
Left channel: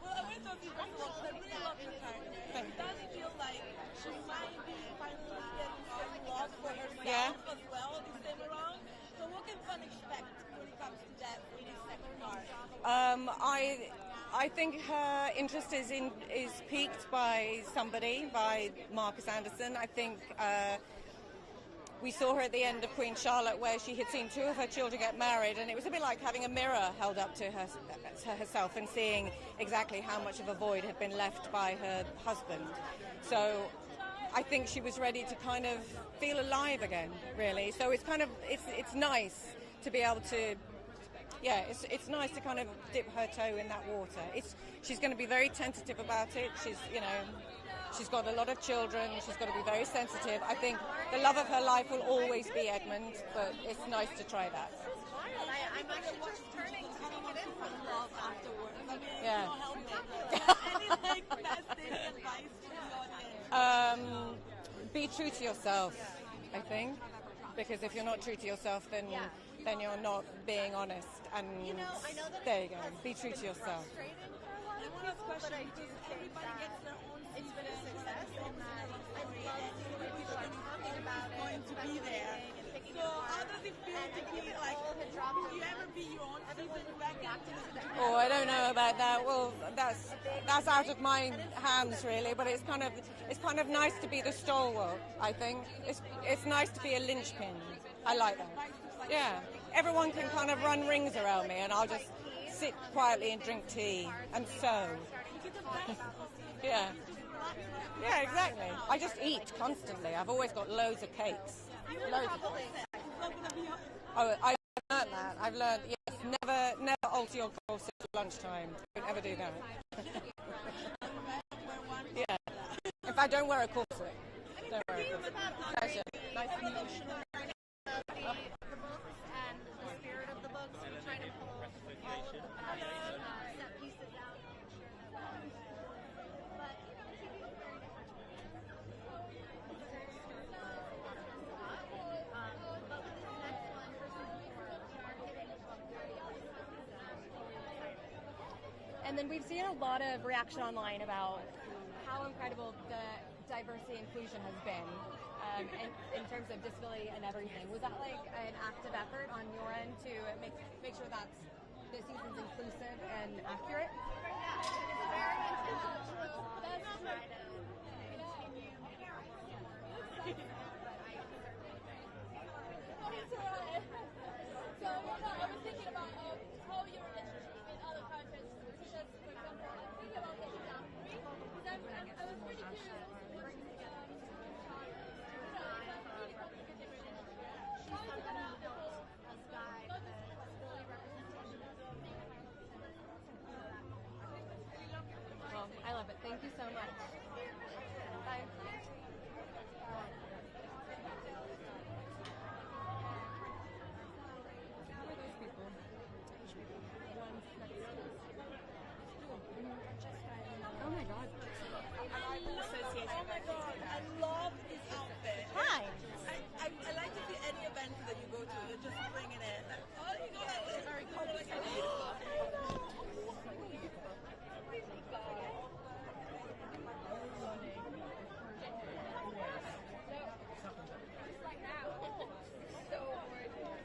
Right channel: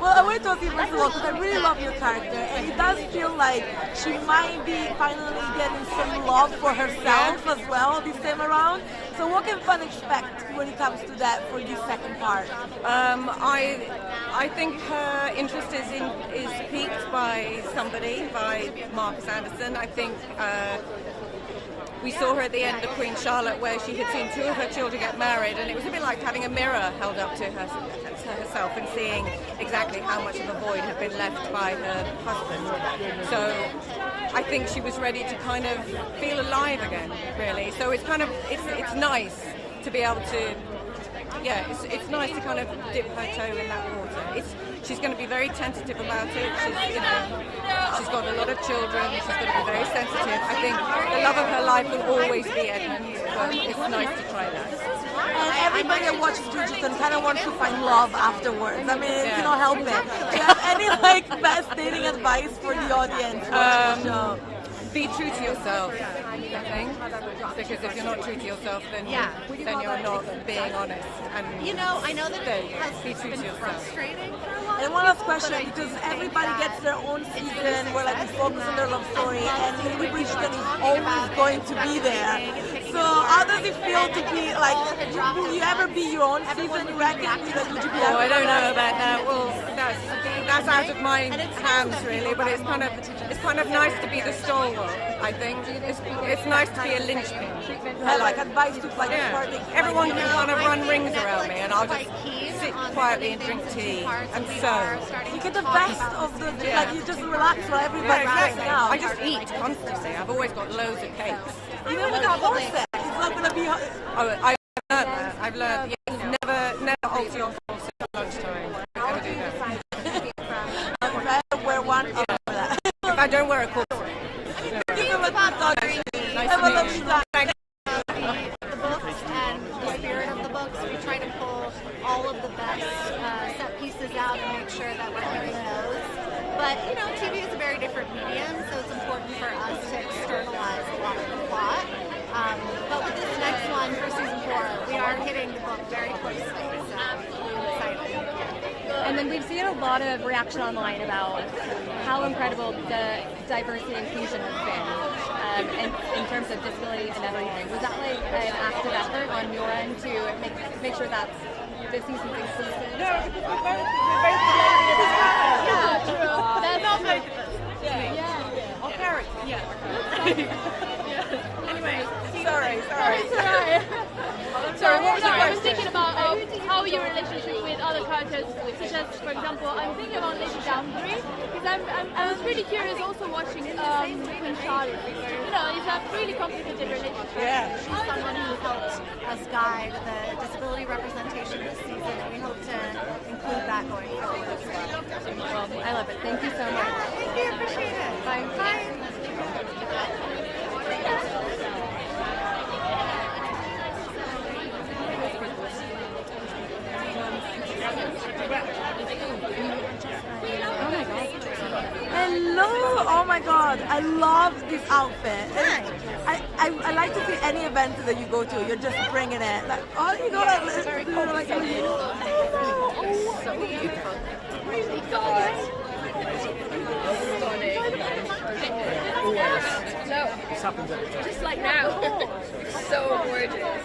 Well, I went to see first of all because I really love your character, and it does feel like she might be finally getting some love for herself as well this time around. So what can fans expect when it comes to that for this second part? I think her interest is piqued by somebody, by Marcus Anderson. I think we saw her at the end of Queen Charlotte where she had seen two of her children get married, and it was a bit like having a mirror held up to herself and seeing exactly how much of a void had been left by her husband. So I think she was ready to kind of feel alive again, really. So it's kind of, it's nice to be able to, yeah, it's nice to kind of dip her toe in that water. She's going to be very tentative about it. She's got a lot of children. She's going to be very sensitive. I think the love of her life will always be Edmund, but it's nice to try that. And everybody that watches Bridgerton kind of wants to find love afterwards. I mean, you cannot help it. Do you have any best dating advice for the audience watching the show? Be true to yourself, I think, because if you're not true to yourself, then you're not being honest. And I know that it has be true to yourself. Frustrating. And one last question, because everybody gets their own season where we focus on their love story, and Lady Bridgerton is always going to be there. So how does it feel to be will you ever be your own season, you reckon? Would you be I don't know about that. Well, that's out of my hands really, but it's kind of nice to be the stalwart, I think. It's nice to be a linchpin. I like advice to everyone can kind of run rings around me, and I'll just sit quietly and drink tea and sew. You get the best of the you just relax while everybody I just eat constantly. I've always got loads of cakes. Even without corset, it's not going to be. I've learned that. I've learned never alter your corset at lunchtime. Never do that. If I wear one, I'll wear that. If I don't wear a corset. The books and the spirit of the books, we try to pull all of the best set pieces out and make sure that we're hitting those. But TV is a very different medium, so it's important for us to externalize a lot of the plot. But with this next one for season 4, we are hitting the book very closely, so I'm excited. And then we've seen a lot of reaction online about how incredible the diversity and inclusion has been in terms of disability and everything. Was that like an active effort on your end to make sure that the season's inclusive? No, we're very yeah, true. That's not very yeah. Or carriage. Anyway, sorry. Sorry, what was the question? I was thinking about how your relationship with other characters, such as, for example, I'm thinking about Lady Danbury, because I was really curious also watching Queen Charlotte. It's a really complicated relationship. Yeah. She's someone who helped us guide the disability representation this season, and we hope to include that going forward as well. Well, I love it. Thank you so much. Thank you. Appreciate it. Bye. Bye. Hello! Oh my god, I love this outfit. I like to see any event that you go to, you're just bringing it. Like, oh, you go like, very cool. So beautiful. Really God. Stunning. Always. No. This happens every time. Just like now. So gorgeous.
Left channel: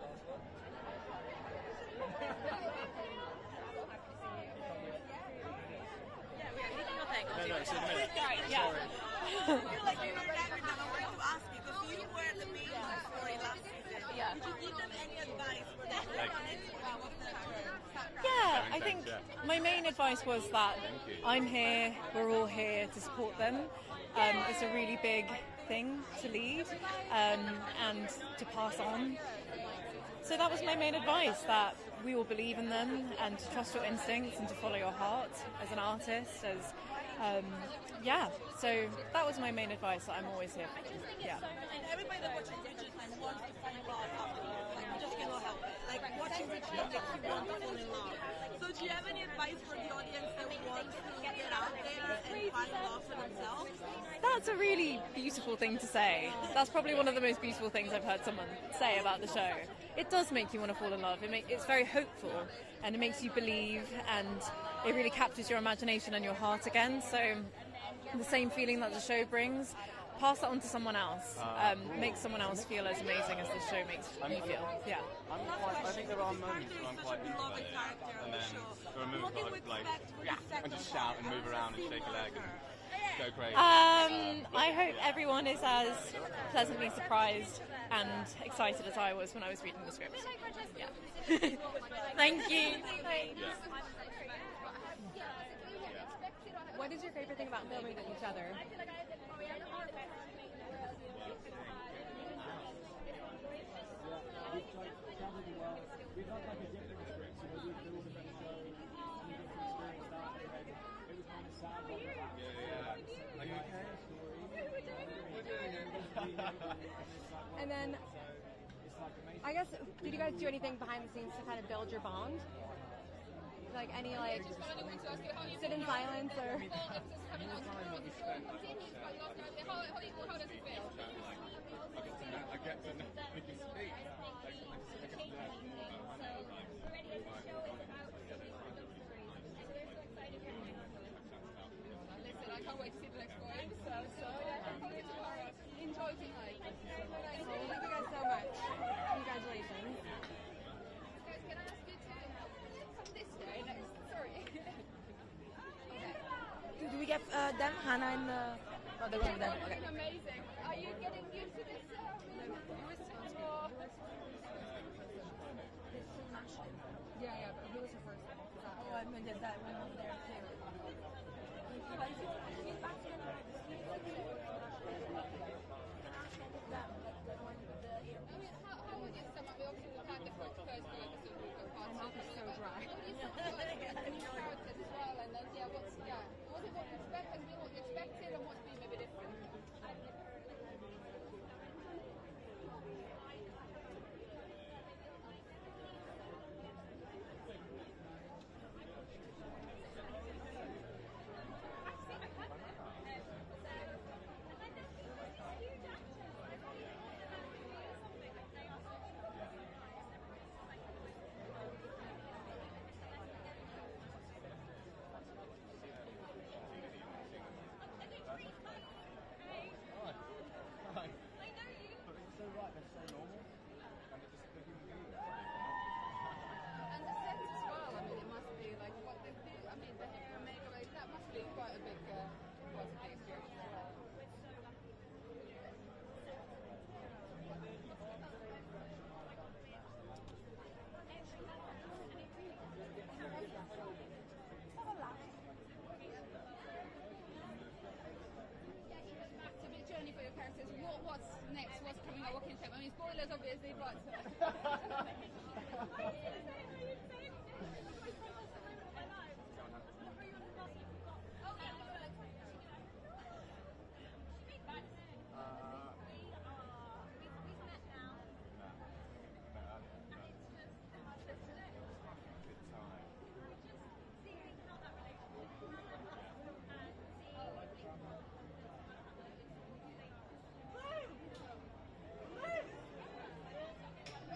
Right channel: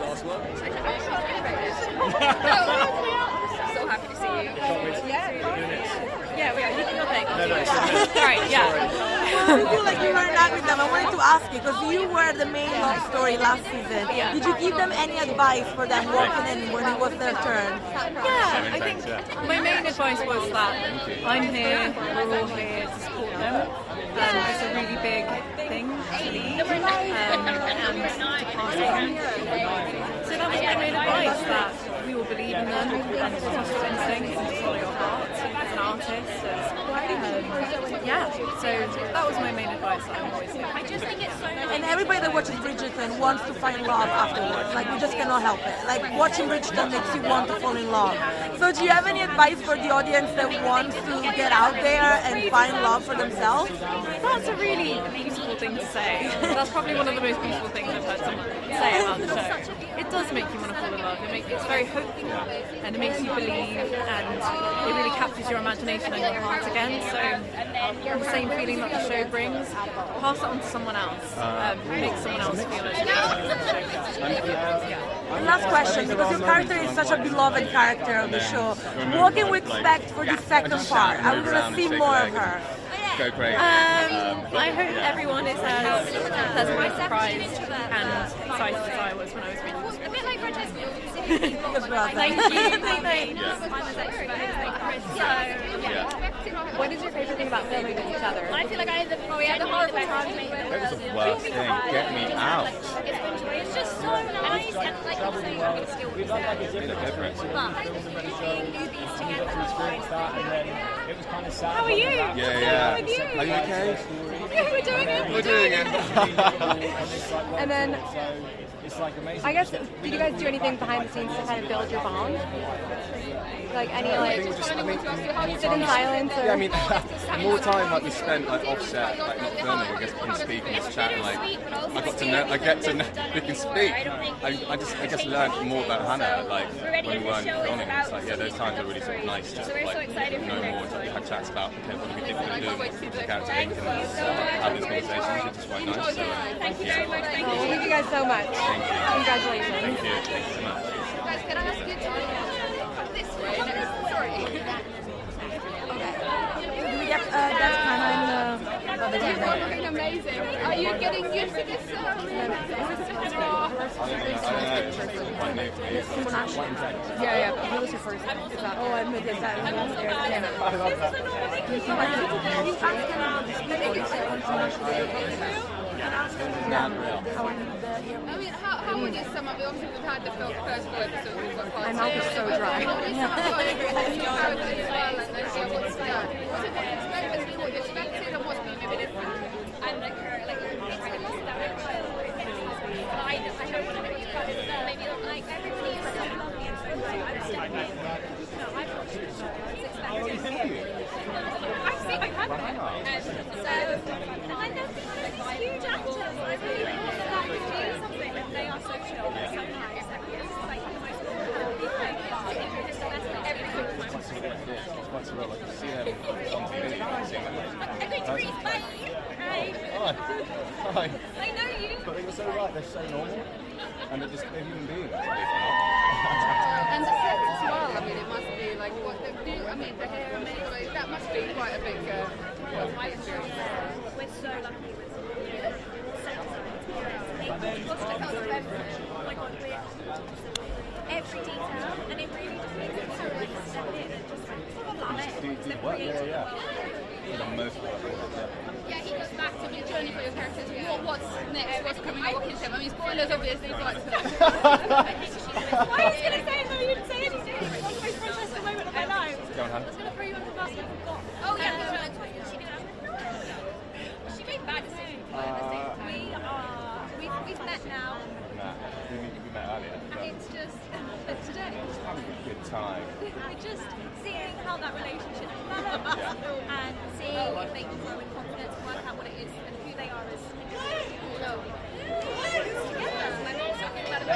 Last one. So happy to see you. Yeah, we are. You can go think. Right, yeah. I feel like you were not with them. I wanted to ask you, because you were the main love story last season. Yeah. Did you give them any advice for them walking in when it was their turn? Yeah, I think my main advice was that I'm here, we're all here to support them. It's a really big thing to lead and to pass on. So that was my main advice, that we will believe in them and to trust your instincts and to follow your heart as an artist. So that was my main advice that I'm always here. And everybody that watches Bridgerton wants to find love afterwards. Like, you just cannot help it. Like, watching Bridgerton makes you want to fall in love. So do you have any advice for the audience that wants to get out there and find love for themselves? That's a really beautiful thing to say. That's probably one of the most beautiful things I've heard someone say about the show. It does make you want to fall in love. It's very hopeful and it makes you believe, and it really captures your imagination and your heart again. So the same feeling that the show brings, pass it on to someone else. Make someone else feel as And last question, because your character is such a beloved character of the show, what can we expect for the second part? Are we going to see more of her? Go great. I hope everyone is as pleasantly surprised and excited as I was when I was reading the script. A bit like Bridgerton. Thank you. What is your favorite thing about filming with each other? I feel like I had the horrible time to make it. It was the worst thing. Get me out. It's just so nice and like you say, I mean, still Made a difference. newbies together. How are you? Yeah. Are you okay? Yeah, we're doing it. We're doing it. And then, I guess, did you guys do anything behind the scenes to kind of build your bond? Like any sit in silence or? Yeah, I mean, the more time we spent offset, not filming, I guess we can speak and just chat. I get to know we can speak. I just learned more about Hannah when we weren't filming. It's like those times are really sort of nice to know more. To have chats about what do we think we're going to do, what's the character link, and have these conversations. It's just quite nice. So Thank you guys so much. Thank you. Congratulations. Thank you. Thank you so much. Guys, can I ask you to this way? Sorry. Do we get that kind You're looking amazing. Are you getting used to this? Yeah. Who was your first? Oh, I made that. I mean, how would you sum up? Obviously, we've had the first full episode. We've got part My mouth is so dry. What you expected and what's been maybe different? I'm like her, like I must have I don't want to be maybe like everybody is so lovely and so great. I'm stepping in. No, I've watched the show. I've seen my camera. So I know these huge actors. I really want that to do something and they are so chill. Sometimes it's like the most Hi. I know you. But they were so right, they're so normal. And they're just human beings. And the sets as well, I mean, it must be like, the hair and makeup, that must be quite a big experience. We're so lucky with set design. It cost us everything. Oh my god, every detail, and it really just makes it so nice to step in and just love it. Yeah, he goes back to the journey for your characters. What's next? What's coming up? What can you say? I mean, spoilers obviously, but I was going to say it, but you didn't say anything. It was the most precious moment of my life. Go on, Han. I was going to throw you under the bus and I forgot. Oh yeah, no, she did. She made bad decisions. We've met now. We met earlier. And it's just today. Having a good time. We're just seeing how that relationship develops and seeing if they can grow in confidence, work out what it is and who they are as together. My mom's talking about it.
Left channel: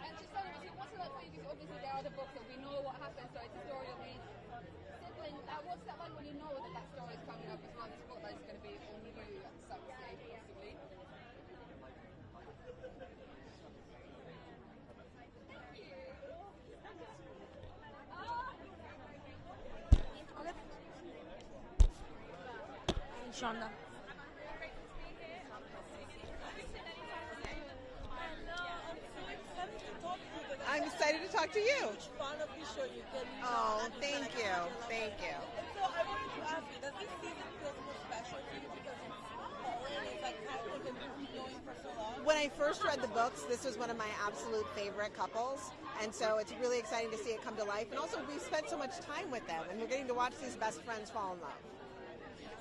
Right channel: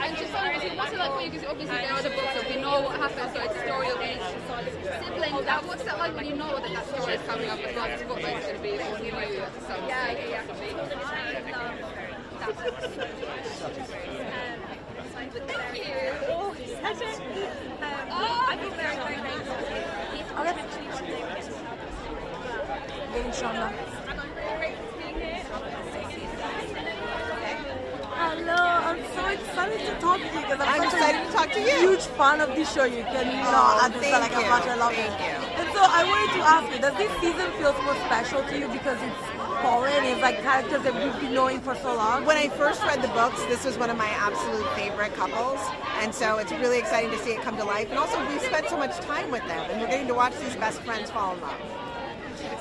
And just obviously, what's it like for you? Because obviously there are the books, so we know what happens, so it's a story of each sibling. What's that like when you know that story is coming up as well? Spotlight's going to be all new at some stage. Thank you. I feel very, very thankful. Inshallah. And I'm really grateful for being here. Hello, I'm so excited to talk to you because I'm such excited to talk to you. huge fan of this show. You can understand like how much I love it. And so I wanted to ask you, does this season feel more special to you because it's foreign? It's like characters that we've been knowing for so long. When I first read the books, this was one of my absolute favorite couples, and so it's really exciting to see it come to life. And also, we spent so much time with them, and we're getting to watch these best friends fall in love.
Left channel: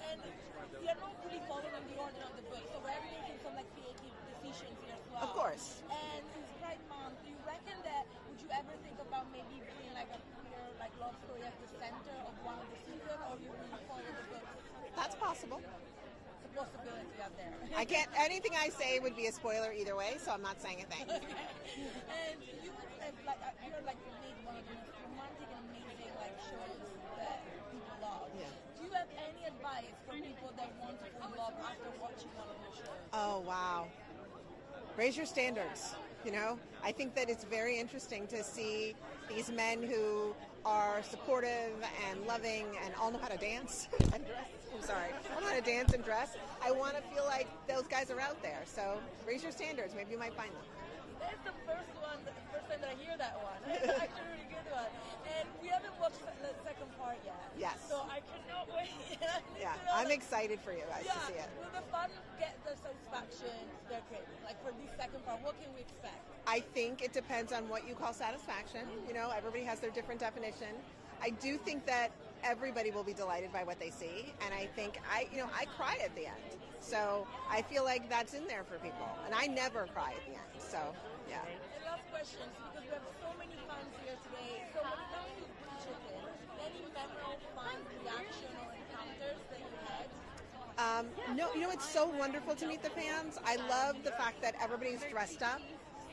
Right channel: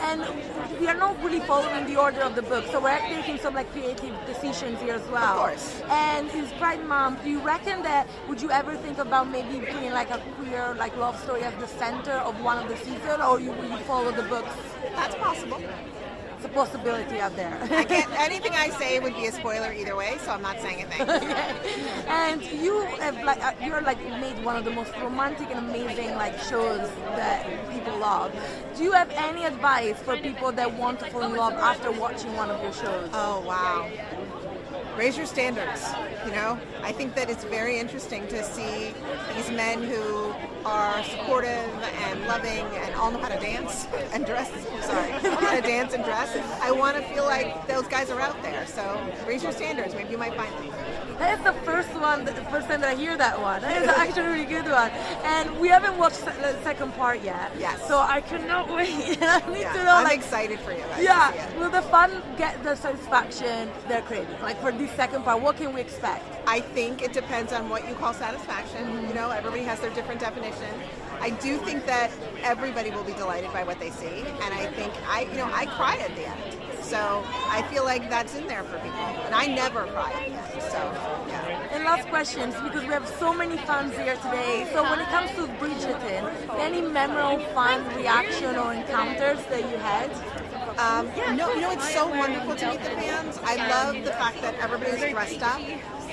And we are not really following the order of the book, so we're taking some like creative decisions here as well. Of course. And it's Pride Month. Do you reckon that, would you ever think about maybe putting like a queer like love story as the center of one of the seasons, or will you follow the books? That's possible. It's a possibility out there. Anything I say would be a spoiler either way, so I'm not saying a thing. Okay. And you have you're like made one of the most romantic and amazing like shows that people love. Do you have any advice for people that want to fall in love after watching one of your shows? Oh wow. Raise your standards, you know? I think that it's very interesting to see these men who are supportive and loving and all know how to dance and dress. Know how to dance and dress. I want to feel like those guys are out there. So raise your standards. Maybe you might find them. That is the first time that I hear that one. That is actually a really good one. And we haven't watched the second part yet. Yes. So I cannot wait. I need to know. I'm like, excited for you guys. Yeah. Will the fun get the satisfaction they're craving? Like for this second part, what can we expect? I think it depends on what you call satisfaction. You know, everybody has their different definition. I do think that everybody will be delighted by what they see, and I think I cry at the end. So I feel like that's in there for people, and I never cry at the end. So yeah. And last questions, because we have so many fans here today. So when it comes to Bridgerton, any memorable fun reaction or encounters that you had? No, it's so wonderful to meet the fans. I love the fact that everybody's dressed up.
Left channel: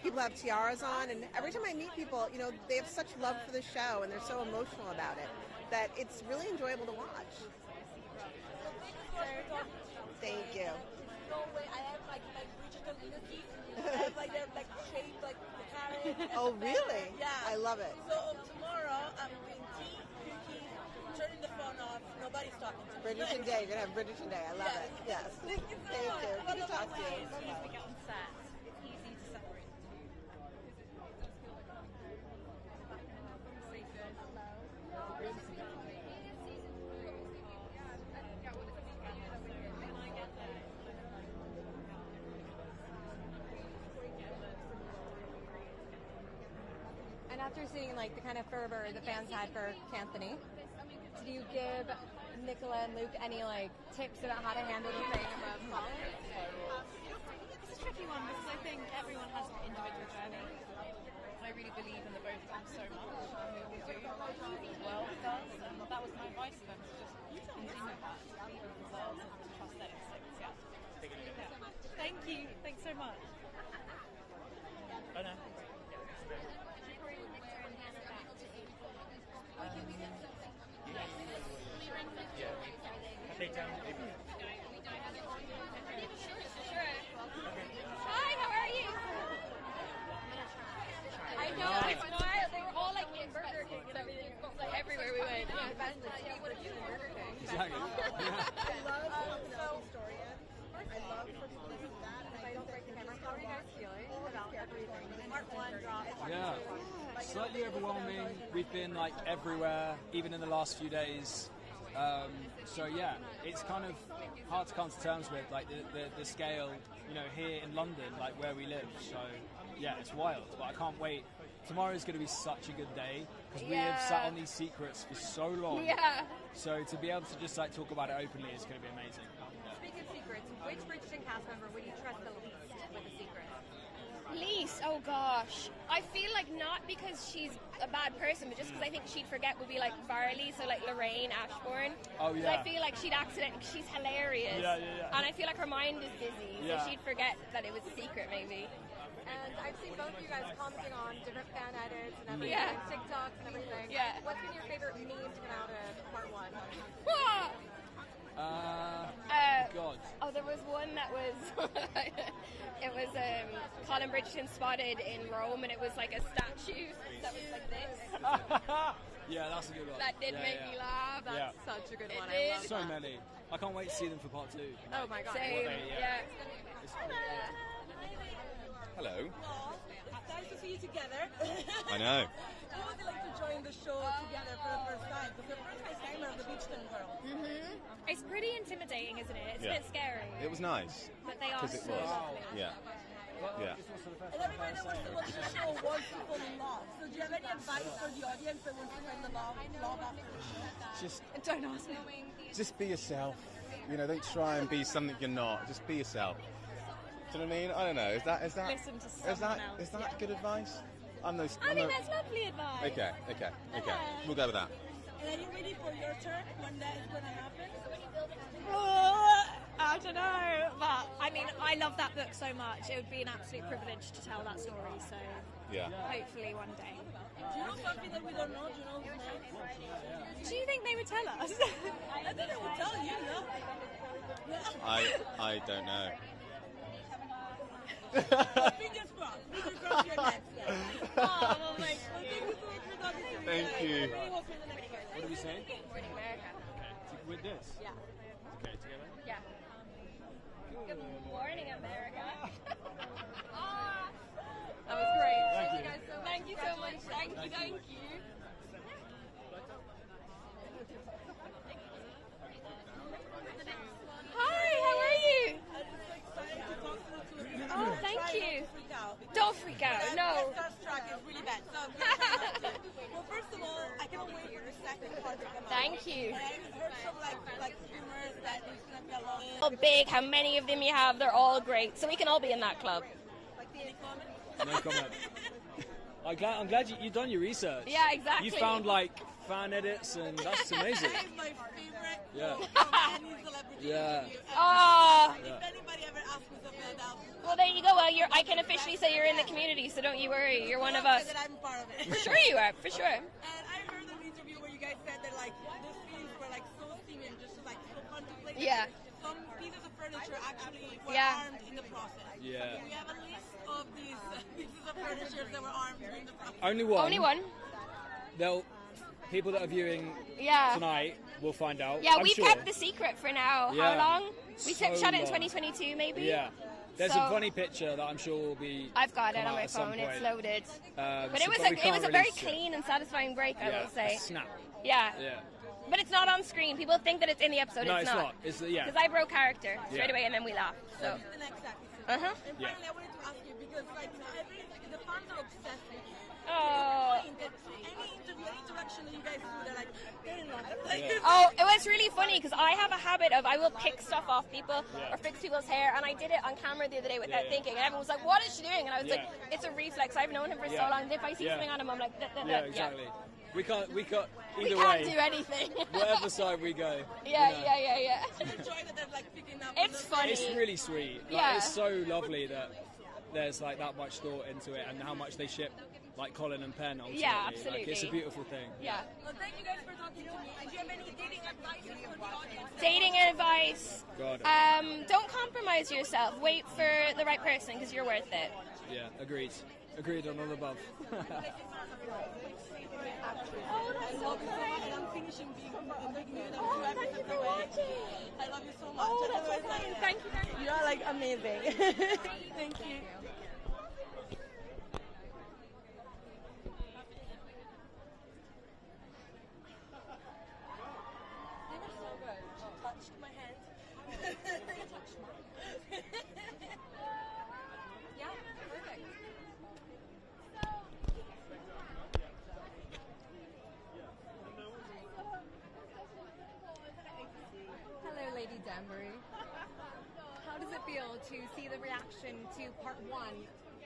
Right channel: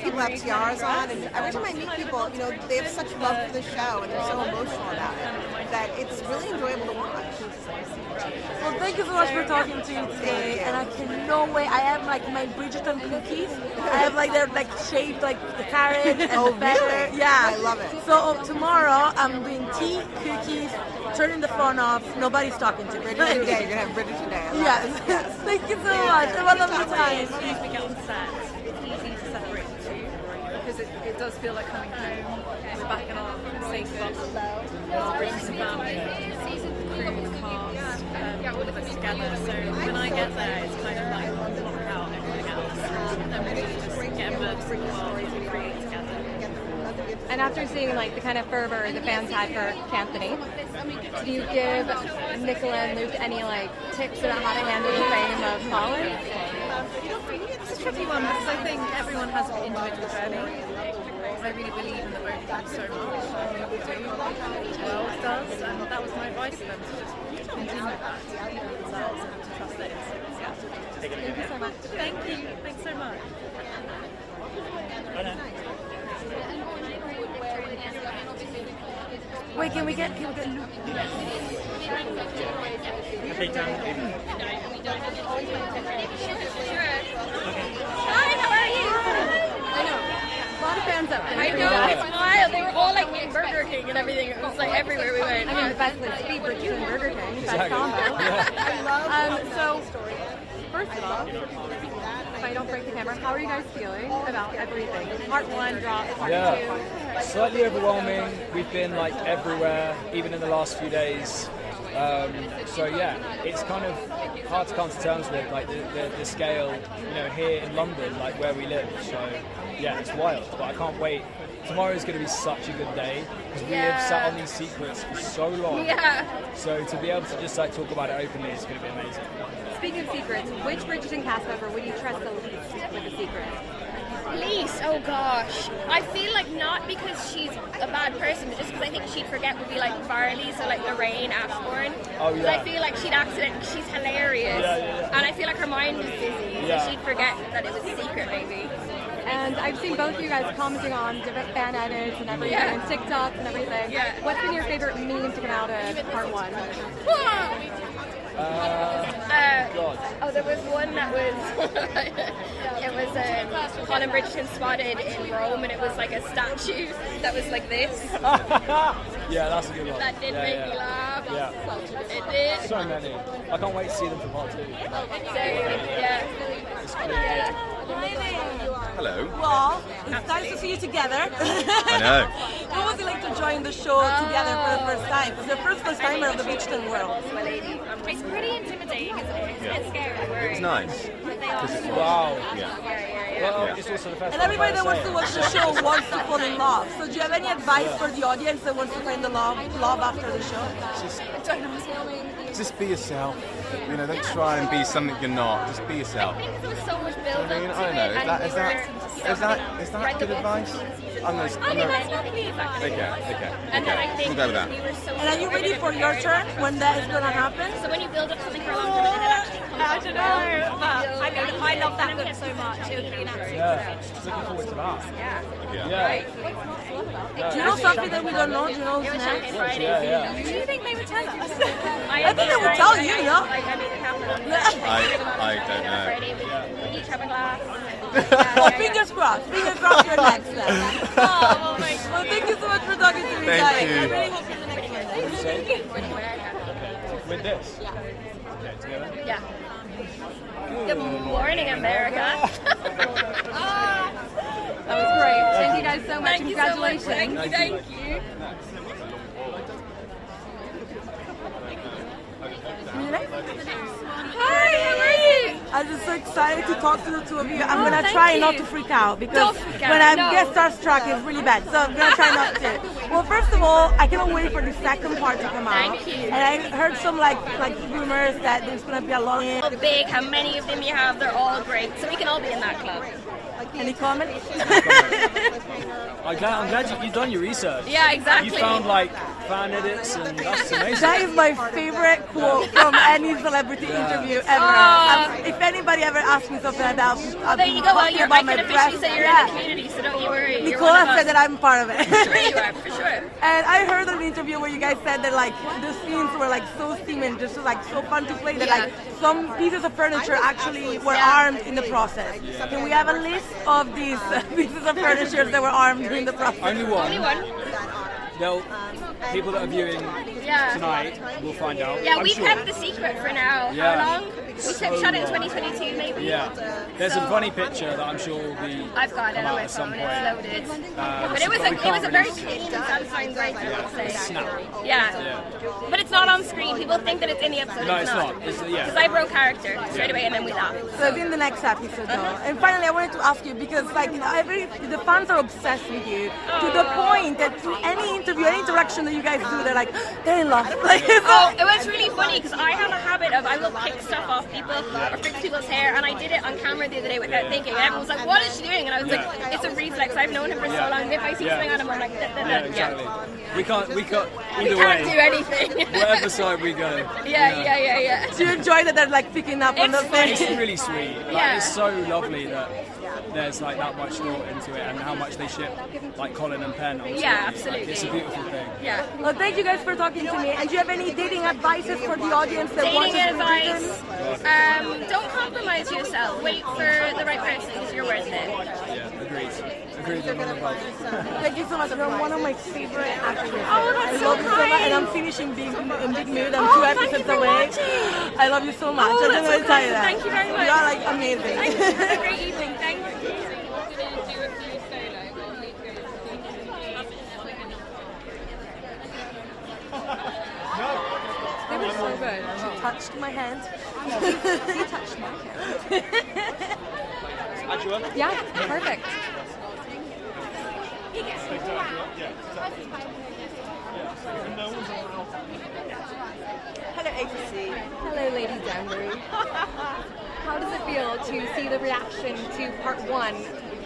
People have tiaras on, and every time I meet people, you know, they have such love for the show, and they're so emotional about it, that it's really enjoyable to watch. Well, thank you so much for talking to you today, and I cannot wait. I have like my Bridgerton cookies. I have like they're like shaped like the carriage and the feather. Really? Yeah, I love it. So tomorrow I'm doing tea, cookies, turning the phone off. Nobody's talking to me. Bridgerton Day. You're gonna have Bridgerton Day. Yes. Thank you so much. Have a lovely time. As we get on set, it's easy to separate the two because it does feel like coming home. We're back in our sacred brings the family, crew, cast, all of us together. So when I get there, it's kind of like block out everything else and really just get immersed in the world and create together. And after seeing like the kind of fervor the fans had for Anthony, do you give Nicola and Luke any like tips about how to handle the fame of Colin? It's a tricky one because I think everyone has an individual journey. I really believe in the both of them so much, and we will do what the world does, and that was my advice to them, to just continue that, to believe in themselves and to trust their instincts. Yeah. Thank you so much. Thank you. Thanks so much. Wait, can we get Luke? Hi, how are you? I know. A lot of fans up there. I know, it's wild. They were all like in Burger King and everything. It was like everywhere we went. I mean, the best place to be, Bridgerton and Burger King. Best Exactly. combo. Yeah. So, first of all, if I don't break the camera, how are you guys feeling about everything? Part 1 dropped, part 2. Slightly overwhelming. We've been like everywhere, even in the last few days. So yeah, it's kind of hard to come to terms with like the scale, you know, here in London, like where we live. So yeah, it's wild, but I can't wait. Tomorrow's going to be such a good day because we have sat on these secrets for so long. Yeah. So to be able to just like talk about it openly is going to be amazing. Speaking of secrets, which Bridgerton cast member would you trust the least with a secret? Least, oh gosh. I feel like not because she's a bad person, but just because I think she'd forget would be like Varley, so like Lorraine Ashbourne. Oh, yeah. I feel like she'd she's hilarious. And I feel like her mind is busy, so she'd forget that it was a secret maybe. And I've seen both of you guys commenting on different fan edits and everything, and TikToks and everything. Yeah. What's been your favorite meme to come out of part 1? Oh, there was one that was it was Colin Bridgerton spotted in Rome, and it was like a statue that was like this. Yeah, that's a good one. That did make me laugh. Yeah. It did. So many. I can't wait to see them for part 2. Yeah. Hello. Well, it's nice to see you together. I know. What was it like to join the show together for the first time? It's the first timer of the Bridgerton world. It's pretty intimidating, isn't it? It's scary. It's nice. Wow. Yeah. Well, it's also the first And everybody that wants to watch the show wants to fall in love. So do you have any advice for the audience that wants to find the love after the show? Just Don't ask me. Just be yourself. You know, don't try and be something you're not. Just be yourself. I think there was so much build up I mean, to I don't know. it, and Is we that read the good book advice? in season I'm one. gonna. That's not feedback. Okay. And then I think We'll go with that. we were so. And are you ready for your turn when that is gonna happen? So when you build up something for a long time, and then it actually I don't know, but I mean, I love that book so much. It would be an absolute Yeah, looking forward to that. Yeah. Do you know something that we don't know? Do you know who's next? Yeah. Do you think they would tell us? I think they would tell you, no? I don't know. Friday, we each have a glass. Well, fingers crossed. Fingers crossed you're next then. Oh my Well, thank you so much for talking to me, Thank guys. you. I really hope you're the next one. Thank you. With this? Yeah. Okay, together? Yeah. Good morning, America. That was great. Thank you guys so much. Thank you so much. Congratulations. Thank you. Hi, how are you? I'm just so excited to talk to the two of you. I'm gonna try not to freak out because when I get starstruck, it's really bad. So I'm gonna try not to. Well, first of all, I cannot wait for the second part to come out. Thank you. And I heard some like rumors that there's gonna be a long. How big, how many of them you have, they're all great. So we can all be in that club. Any comments? I'm glad you've done your research. Yeah, exactly. You found like fan edits and that's amazing. That is my favorite quote from any celebrity interview ever. If anybody ever asks me something like that, I'll There be you go. Well, talking I about can my officially breasts. say you're in the community, so don't you worry. You're one Nicola of us. said that I'm part of it. Sure you are, for sure. And I heard an interview where you guys said that like the scenes were like so steaming, just like so fun to play that like some pieces of furniture actually were armed in the process. Can we have a list of these pieces of furniture that were armed in the process? Only one. Only one. They'll, people that are viewing tonight will find out. Yeah, I'm we've sure. kept the secret for now. Yeah. How long? We shot it in 2022, maybe. Yeah. There's a funny picture that I'm sure will be. I've got it come on out my at some phone. point. It's loaded. But But it was we can't a very release- clean and satisfying break, I would say. Snap. Yeah. But it's not on screen. People think that it's in the episode. No, it's it's not. not. It's- yeah. Because I broke character straight away and then we laugh. So it's in the next episode though. And finally I wanted to ask you because like the fans are obsessed with you to the point that in any interview, any interaction that you guys do, they're in love. Like, It was really funny because I have a habit of I will pick stuff off people or fix people's hair, and I did it on camera the other day without thinking, and everyone was like, "What is she doing?" And I was like, "It's a reflex. I've known him for so long. If I see something on him, I'm like, Exactly. We can't We either can't way. do anything." Whatever side we go. Yeah. Do you enjoy that they're like picking up on those things? It's really sweet. Like, Yeah. It's so lovely that there's like that much thought into it and how much they ship like Colin and Penn. onto Yeah, it. absolutely. It's a beautiful thing. Yeah. Well, thank you guys for talking to me. And do you have any dating advices for the audience that watches Dating Bridgerton? advice: don't compromise yourself. Wait for the right person because you're worth it. Yeah, agreed. Agreed on all of that. Thank you so much. You're one of my favorite actors. Oh, that's I so love you so much. kind. And I'm finishing Big Mood. I'm Oh, 2 thank you episodes for away. watching. I love you so much. Oh, I that's just want so to tell you kind. that. Thank you very much. You are like amazing. Have a great evening. Thank you. They were so good. She touched my hand. He touched my hand. Yeah, perfect. Hello, ABC. Hello, Lady Danbury. How does it feel to see the reaction to part 1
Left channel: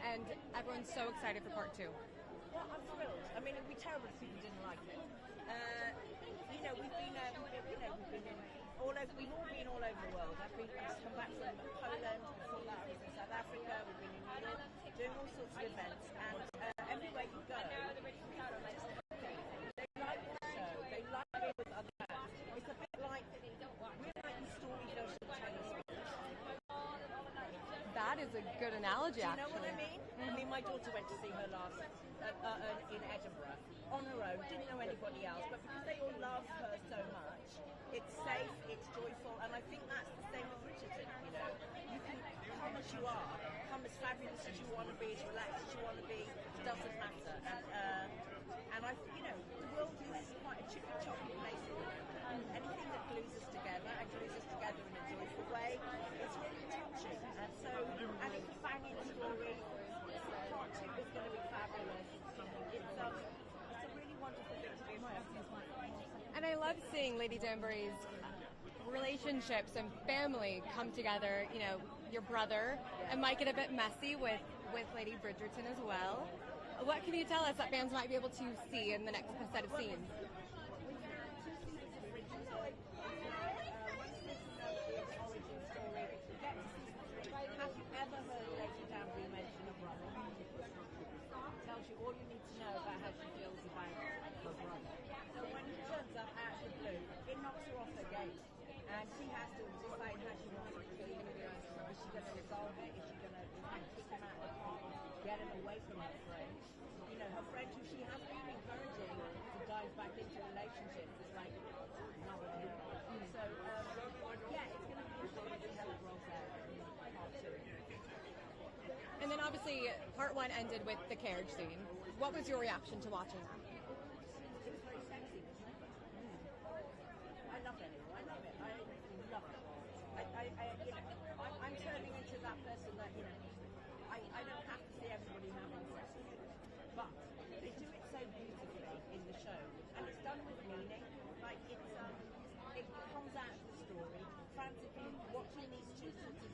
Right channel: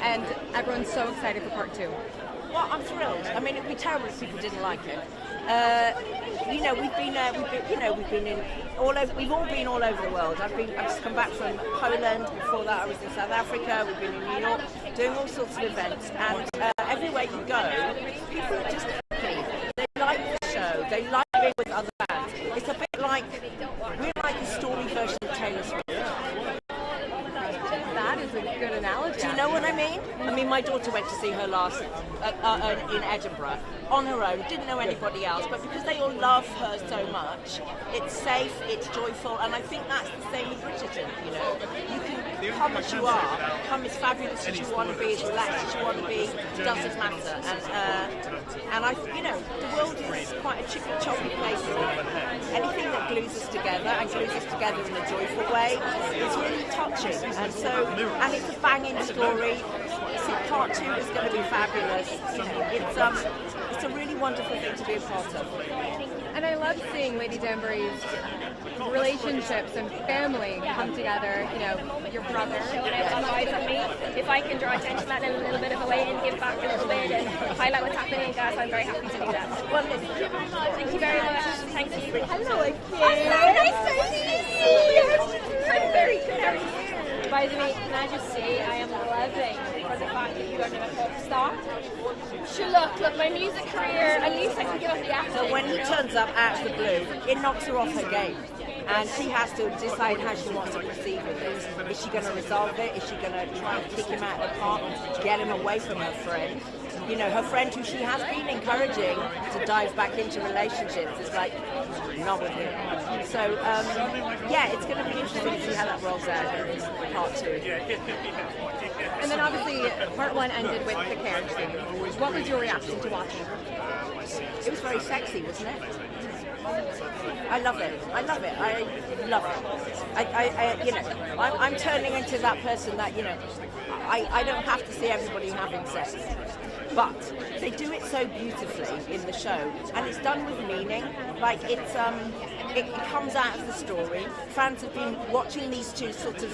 and everyone's so excited for part 2? Well, I'm thrilled. I mean, it'd be terrible if people didn't like it. We've been in all over. We've all been all over the world. I've just come back from Poland. Before that, I was in South Africa. We've been in New York, doing all sorts of events, and everywhere you go, people are just happy. They like the show. They like being with other bands. It's a bit like we're like a story version of Taylor Swift. That is a good analogy. Do you know what I mean? I mean, my daughter went to see her last in Edinburgh on her own, didn't know anybody else, but because they all love her so much, it's safe, it's joyful, and I think that's the same with Bridgerton, you know. You can come as you are, come as fabulous as you want to be, as relaxed as you want to be, it doesn't matter. And I, the world is quite a chippy choppy place. Anything that glues us together and glues us together in a joyful way is really touching. And it's a banging story. So part 2 is going to be fabulous. It's a really wonderful thing to be a part of. And I love seeing Lady Danbury's relationships and family come together. You know, your brother. If I can draw attention to that in a little bit of a way and give back a little bit and highlight what's happening, guys, I'm very happy to do that. Well, thank you very much. Thank you. Hello again. Hello, nice to see you. I'm very good. How are you? By the way, can I just say I am loving for the fact that you are now a pop star. Sure, look, my music career, at least I can give up the acting. So when he turns up out of the blue, it knocks her off her game. And she has to decide how she wants to proceed with this. Is she going to resolve it? Is she going to try and kick him out of the park, get him away from her friend? You know, her friend who she has been encouraging to dive back into relationships is like, not with him. So, yeah, it's going to be interesting to see how that rolls out in part 2. And then obviously part 1 ended with the carriage scene. What was your reaction to watching? It was very sexy, wasn't it? I love it. I love it. I love it. You know, I'm turning into that person that, you know, I don't have to see everybody having sex. But they do it so beautifully in the show, and it's done with meaning. Like it comes out of the story. Fans have been watching these two sort of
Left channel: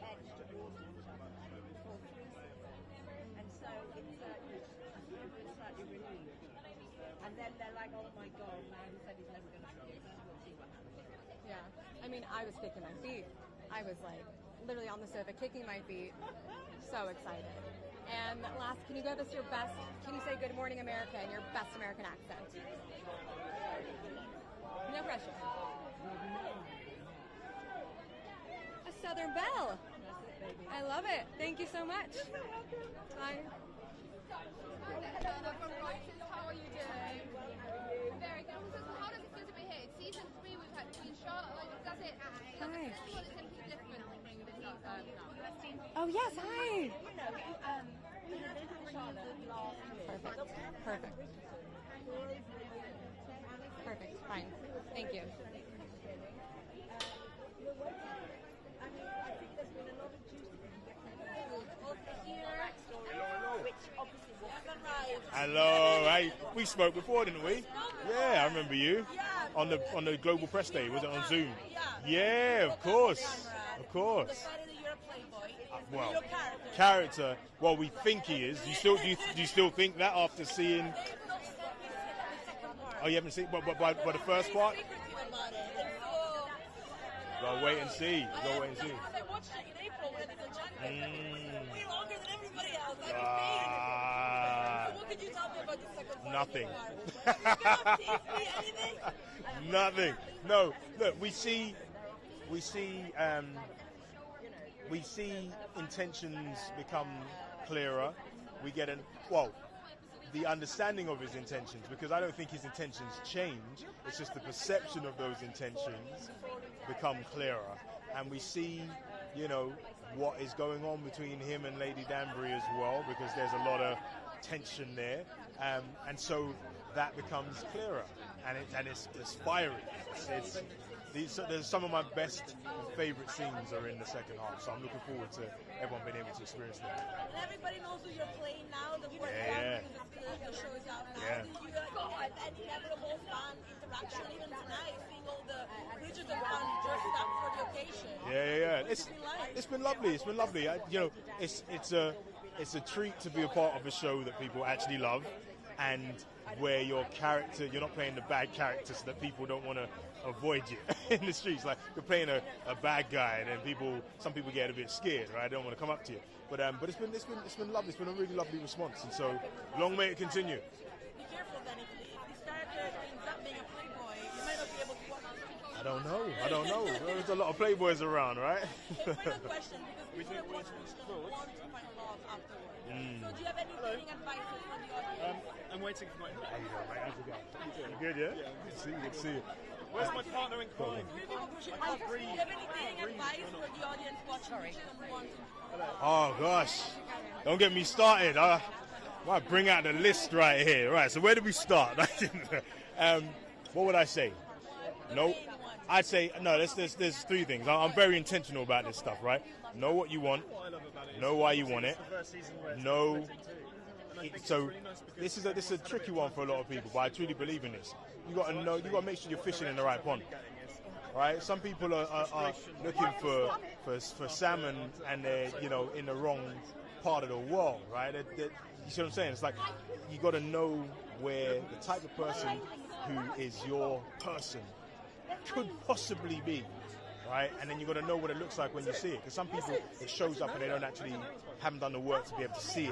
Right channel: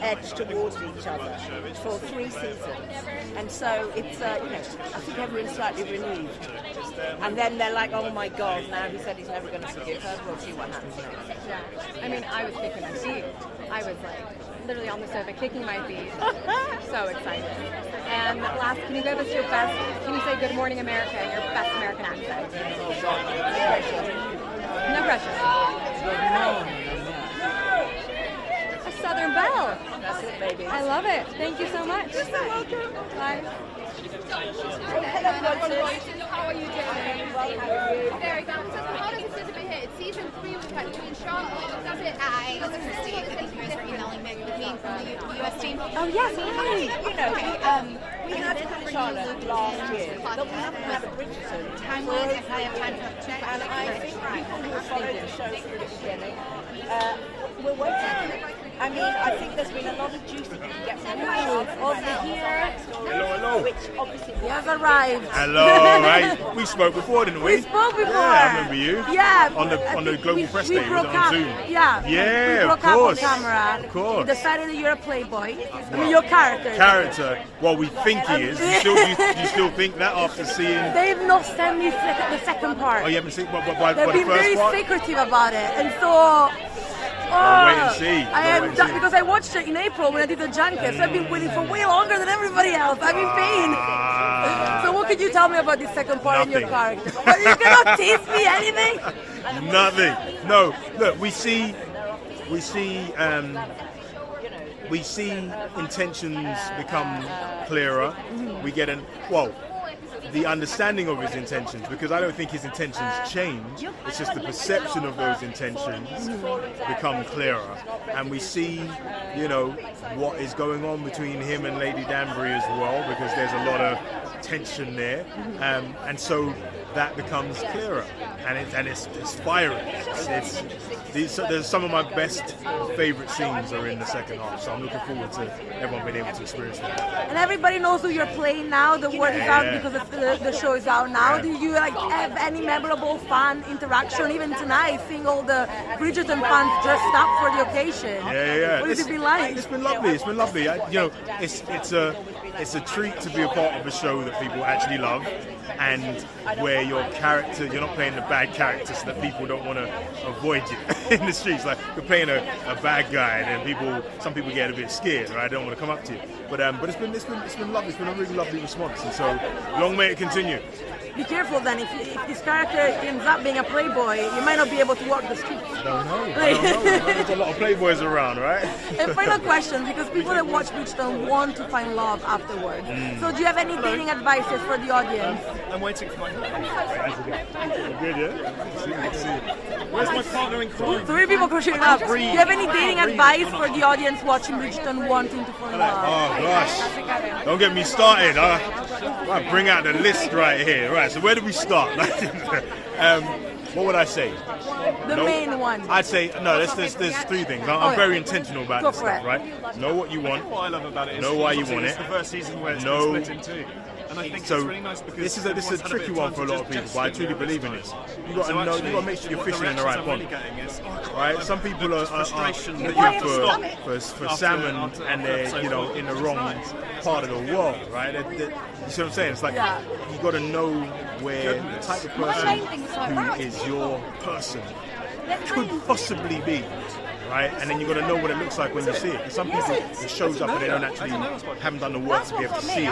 edge towards each other for 3 seasons, and so it's you know, I think everyone's slightly relieved. And then they're like, oh my God, now he said he's never going to forgive her. We'll see what happens next. Yeah, I mean, I was kicking my feet. I was like literally on the sofa kicking my feet. So excited. And last, can you give us your best, can you say Good Morning America in your best American accent? No pressure. Good morning. A Southern Belle. That's it, baby. I love it. Thank you so much. You're so welcome. Bye. How are you doing? Very good. So how does it sit here? It's season 3 with Queen Charlotte. Does it? Hi, this is Christine. Thank you guys for emailing me from the US team. Oh yes, hi. You know, we had Queen Charlotte last year, but we haven't had a Bridgerton. Timeline, if I have time to check. And I think people who have followed the show from the beginning, we're waiting. I mean, I think there's been a lot of juice that you can get from over here. Hello. Which obviously he has arrived. Hello, right? We spoke before, didn't we? We spoke before. Yeah, I remember you. Yeah. On the global press day, was broke it on up. Zoom? Yeah. Yeah, we broke of course. up on camera. Of course. You decided that you're a playboy. I mean, your character. Character. Well, we think he is. You still think that after seeing? They've not sent me the second part. Oh, you haven't seen by They've the been first very part? secretive about it, and so. Wait and see. Because I watched it in April when I did the junket, so I've been waiting for way longer than everybody else. I'm in pain. So what could you tell me about this second part in your character? You cannot tease me anything? Nothing. No. Look, we see intentions become clearer. We get the understanding of his intentions, because I don't think his intentions change. It's just the perception of those intentions become clearer, and we see, you know, what is going on between him and Lady Danbury as well, because there's a lot of tension there, and so that becomes clearer, and it's fiery. There's some of my best favourite scenes are in the second half, so I'm looking forward to everyone being able to experience that. And everybody knows who you're playing now. The word is out because the show is out now. Do you have any memorable fan interaction? Even tonight, seeing all the Bridgerton fans dressed up for the occasion. Yeah. What has it been like? It's been lovely. It's been lovely. It's a treat to be a part of a show that people actually love, and where your character, you're not playing the bad character so that people don't want to avoid you in the streets. Like, you're playing a bad guy, and then some people get a bit scared, right? They don't want to come up to you. But it's been lovely. It's been a really lovely response, and so long may it continue. Be careful then, if this character ends up being a playboy, you might not be able to walk the streets. I don't know. There's a lot of playboys around, right? And final question, because people that watch Bridgerton want to find love afterwards. So do you have any dating advices for the audience? I'm waiting for my Good, yeah? Let's see. Where's my partner in crime? 3 people crocheting up. Do you have any dating advice for the audience watching Bridgerton wanting to find love? Oh gosh, don't get me started. I bring out the list right here. Right, so where do we start? What would I say? The main one. I'd say no. There's three things. I'm very intentional about Go this for stuff, it. right? Know what you want. What I love about it is know why you want it's it. the first season where it's know. split in two. And I think So it's really nice because this is a everyone's had tricky bit of one time for a to lot of people, just but I sit truly through it believe this in this. time. You got to So know. actually, You got to make sure you're what the fishing in the reactions right I'm pond. really getting is, Right? Some people are frustration that looking you have to stop for after- salmon after and they're so in the which is wrong nice. part of the world, right? You see what I'm saying? It's like you got to know where the type of person who is your person could possibly be, right? And then you got to know what it looks like when you see it. 'Cause some people it shows up and they don't actually haven't done the work to be able to see it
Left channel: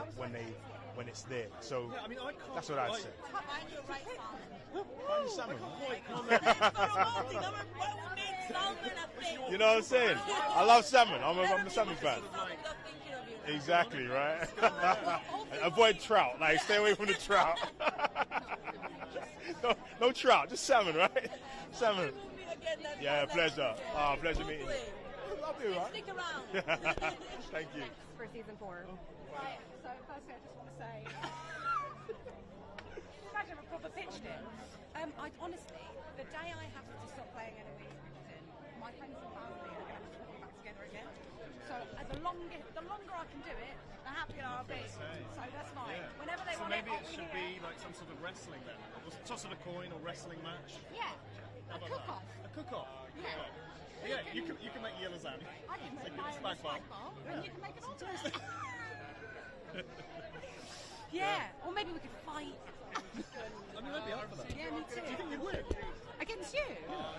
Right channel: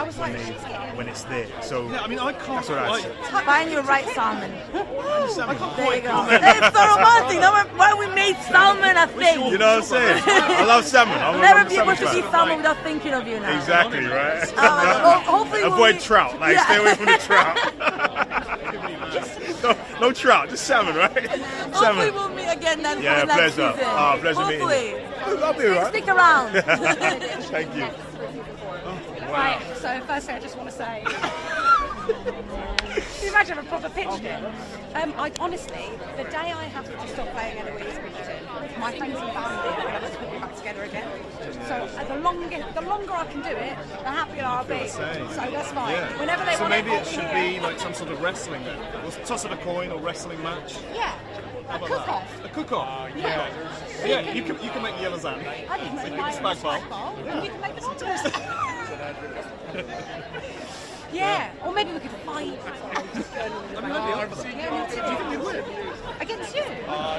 when it's there. So Yeah, I mean, I can't. that's what I say. Find your right salmon. There you go. quite- It's so romantic. That's why we made salmon a thing. You know what I'm saying? I love salmon. I'm Never a be able salmon to eat fan. salmon without thinking of you now. Exactly, right? Hopefully we'll Avoid be- trout. Like, Yeah. stay away from the trout. no trout, just salmon, right? Hopefully Salmon. we'll meet again then Yeah, for the next pleasure. season. Pleasure meeting you. Hopefully. I'll be alright. Stick around. Thank you. Right, so firstly I just want to say, can you imagine a proper pitch deck? I honestly, the day I have to stop playing Eloise Bridgerton, my friends and family are going to have to put me back together again. So the longer I can do it, the happier I'll be. So that's fine. Yeah. Whenever they So want maybe to it should be like some sort of wrestling then. We'll toss of a coin or wrestling match. Yeah. How A about cook-off. that? A cook-off. Yeah. Yeah, you can make the yellow zan. I can make my spag bowl. and you can make the omelette. Yeah, or maybe we could fight. I mean, I'd be over that. Do you think you'd win? Against you?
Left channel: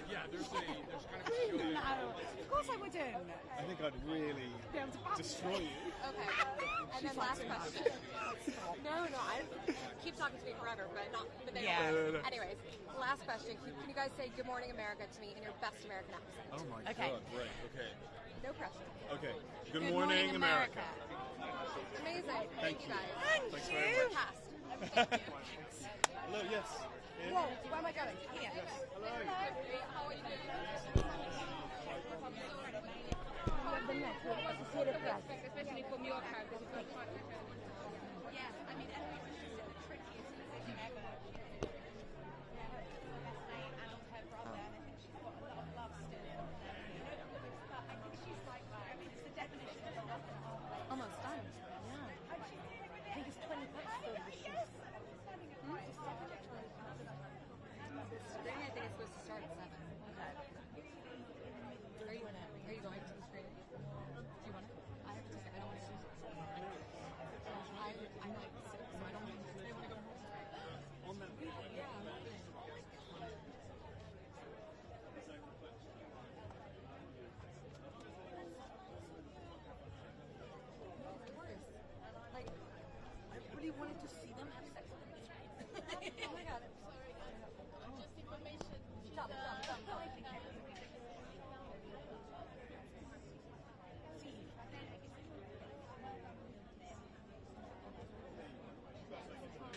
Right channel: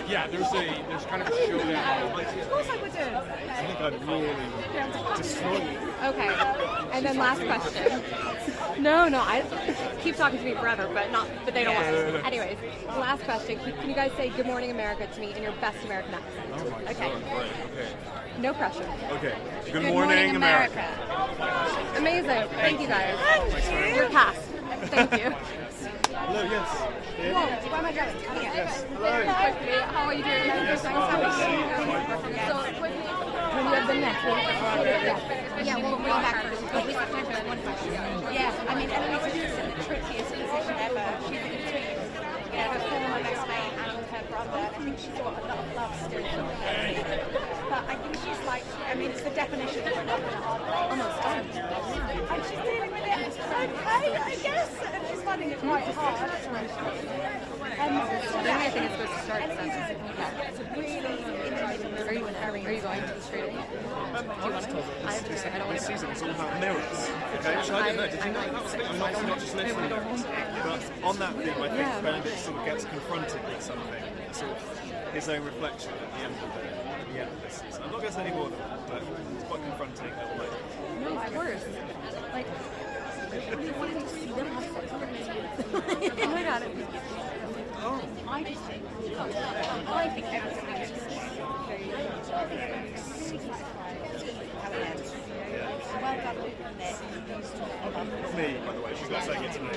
Yeah, there's kind of a showdown. Of course I would do. I think I'd really destroy you. Okay. And then last question. No, I keep talking to me forever, but they don't want to. Anyways, last question. Can you guys say "Good Morning America" to me in your best American accent? Okay. No pressure. Okay. Good morning, America. Amazing. Thank you guys. Your cast. Thank you. Hello, yes. Whoa, where am I going? Oh, yeah. Yes. Quickly, how are you doing? So quickly, when you have the next one. Yeah, we'll go back first. But we have time for one question. Yeah, I mean, Eloise is in the trickiest position ever. She's in between her former best mate and her brother. And I think she's got a lot of love still for her. But I think she's like, I mean, it's the definition of almost done. And she's dealing with it okay, I guess. And she's finding it quite hard. I think it's supposed to start at 7. It's a really interesting. Are you going to the street? I was told that this season is all about mirrors. Okay, which I didn't know. Did you know that was the thing? I'm obviously not just listening. But on that theme, I think Benedict sort of gets confronted with something, sort of his own reflection at the end of this season. I'm not going to say any more than that, but it's quite confronting. No, of course. Like, we wanted to see them have sex. Oh my god. I just think everything is just well done, Luke and Nick. Me, by the way, she's not saying it to me.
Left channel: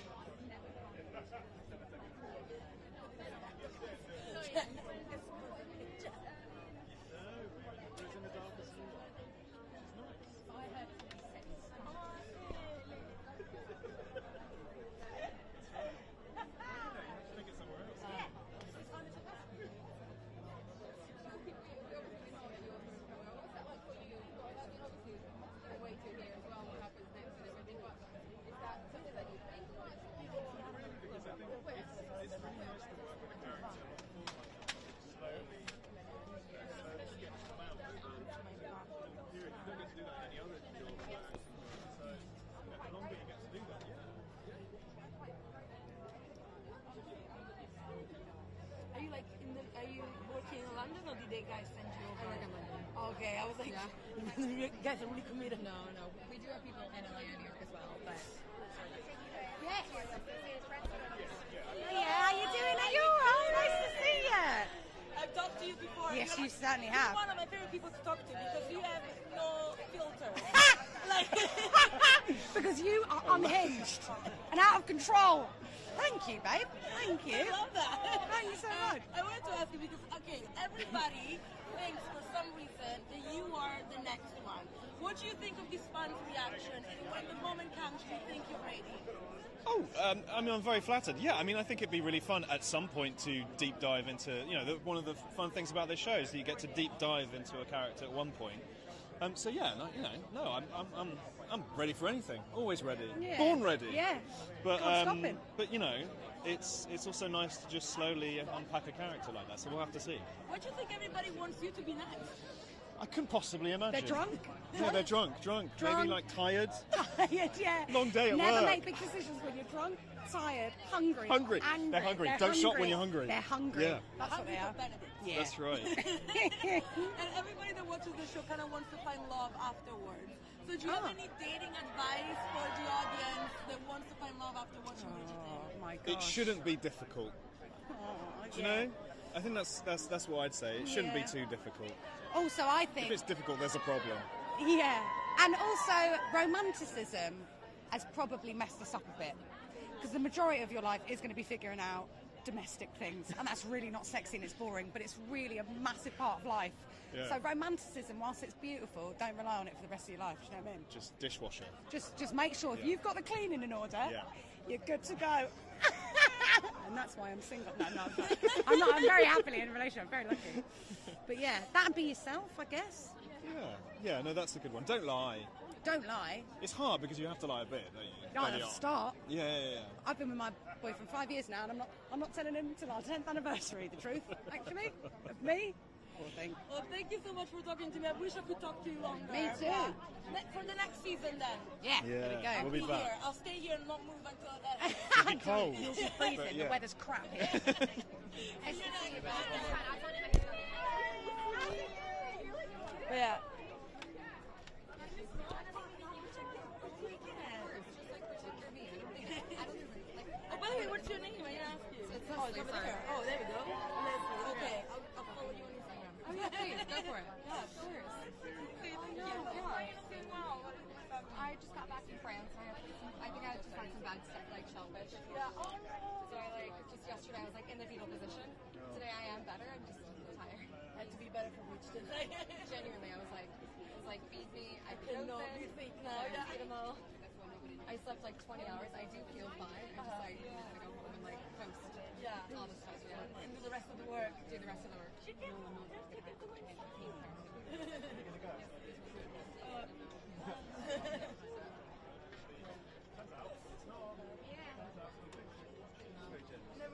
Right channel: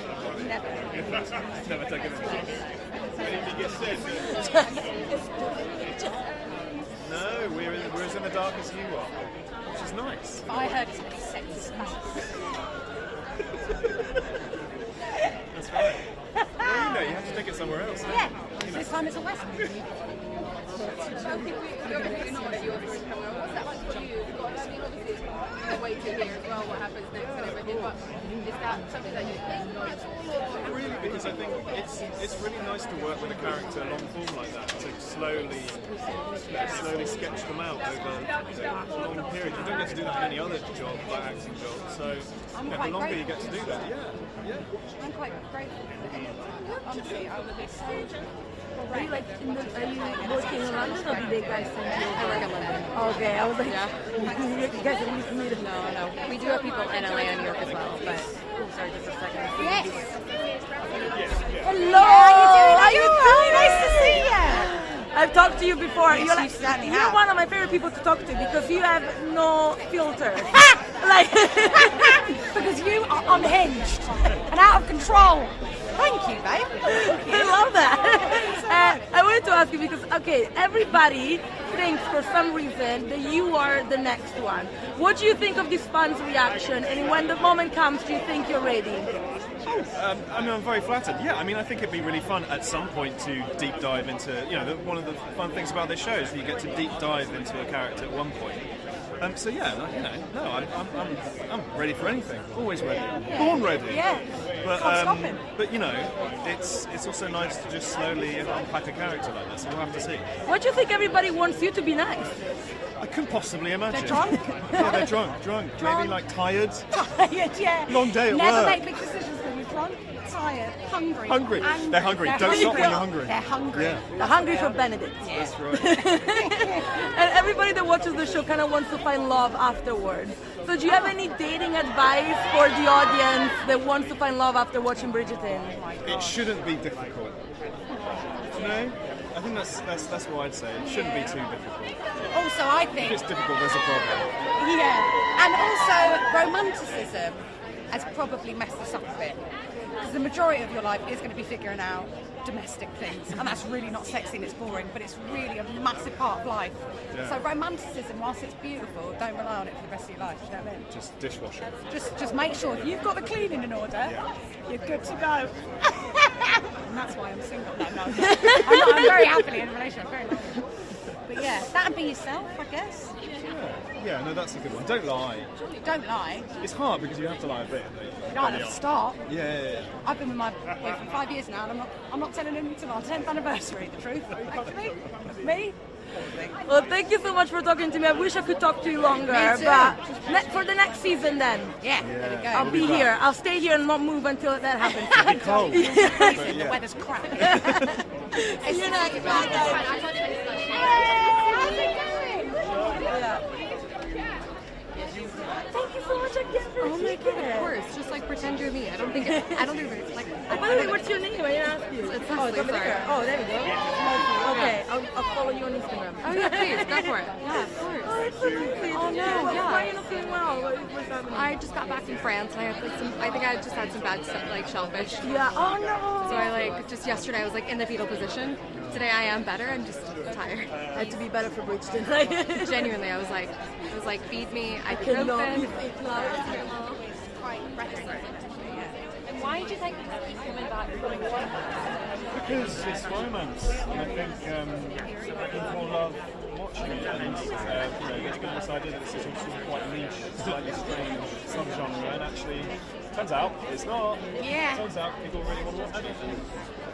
Never. Never taken it. No, we're as in the dark as you are, which is nice. I heard it's really sexist. That's right. Well, you have to take it somewhere else. Yeah, this time it's a western. What's that like for you? I mean, obviously it's a way to hear as well what happens next and everything, but is that something that you think? Not really, because I think it's really nice to work with a character long form like that, to slowly sketch them out over a long period. You don't get to do that in any other job, like acting job. So the longer you get to do that, I'm quite grateful for it. Honestly, I would be so. Are you working in London or did they guys send you? I work in London. Okay, I was like, you guys are really committed. No. We do have people in LA and New York as well, but sorry, just a second. Yes. Hello. How you doing? Nice to see you. I've talked to you before. Yes, You're you certainly you're have. one of my favorite people to talk to because you have no filter. Like because you are unhinged and out of control. Thank you, babe. I love that. I wanted to ask you because, okay, everybody thinks for some reason that you are the next one. What do you think of this fans' reaction? And when the moment comes, do you think you're ready? I mean, I'm very flattered. Yeah, I mean, I think it'd be really fun at some point to deep dive into, one of the fun things about this show is that you get to deep dive into a character at one point. So yeah, I'm ready for anything. Always ready. Born ready. Yeah. But it's also nice to just slowly unpack a character like this. We'll have to see. What do you think everybody wants you to be next? I couldn't possibly imagine. They're drunk? Yeah, they're drunk. Maybe like tired. Tired, yeah. Long day at Never work. make big decisions when you're drunk, tired, hungry. Hungry. Angry. They're hungry. Don't stop when you're hungry. They're hungry. Yeah. They're hungry for Benedict. That's right. And everybody that watches the show kind of wants to find love afterwards. So do you have any dating advice for the audience that wants to find love after watching Bridgerton? It shouldn't be difficult. No? I think that's what I'd say. It shouldn't be too difficult. Also, I think... If it's difficult, there's a problem. Yeah. And also, romanticism has probably messed us up a bit. Because the majority of your life is going to be figuring out domestic things. And that's really not sexy and it's boring, but it's really a massive part of life. Yeah. So romanticism, whilst it's beautiful, don't rely on it for the rest of your life. Do you know what I mean? Just dishwashing. Just make sure if you've got the cleaning in order, you're good to go. And that's why I'm single. No. I'm very happily in a relationship. Very lucky. But yeah, that'd be yourself, I guess. Yeah, no, that's a good one. Don't lie. Don't lie. It's hard because you have to lie a bit. You don't have to start. Yeah. I've been with my boyfriend for 5 years now, and I'm not telling him until our 10th anniversary. The truth. Me. Well, thank you so much for talking to me. I wish I could talk to you longer, Me too. but for the next season then. Yeah, there we go. I'll be here. I'll stay here and not move until that happens. It'll be cold. The weather's crap. See you next time, Yeah. Thank you so much again for Oh my god, of course. Just like pretend you're me. I don't think it's like. Oh, by the way, what's your name? I didn't ask you. It's Oh, sorry. there we go. Okay, I'll follow you on Instagram. Oh yeah, please go for it. Yeah, of course. Oh, that's so sweet. Oh no, Why yeah. are you not feeling well? What's happening? I just got back from France and I had like I think I just had some bad stuff like shellfish. Yeah. Oh no. So I just yesterday I was like in the fetal position. Today I am better. I'm just tired. I had to be better for Bridgerton. Genuinely, I was like feed me. I could cannot open. eat it, love. And why do you think he's coming back? Because it's romance, and I think people love watching it, and getting this idea that this is sort of quite niche, slightly strange subgenre, and actually, turns out it's not. Yeah. Turns out people really want to watch it. I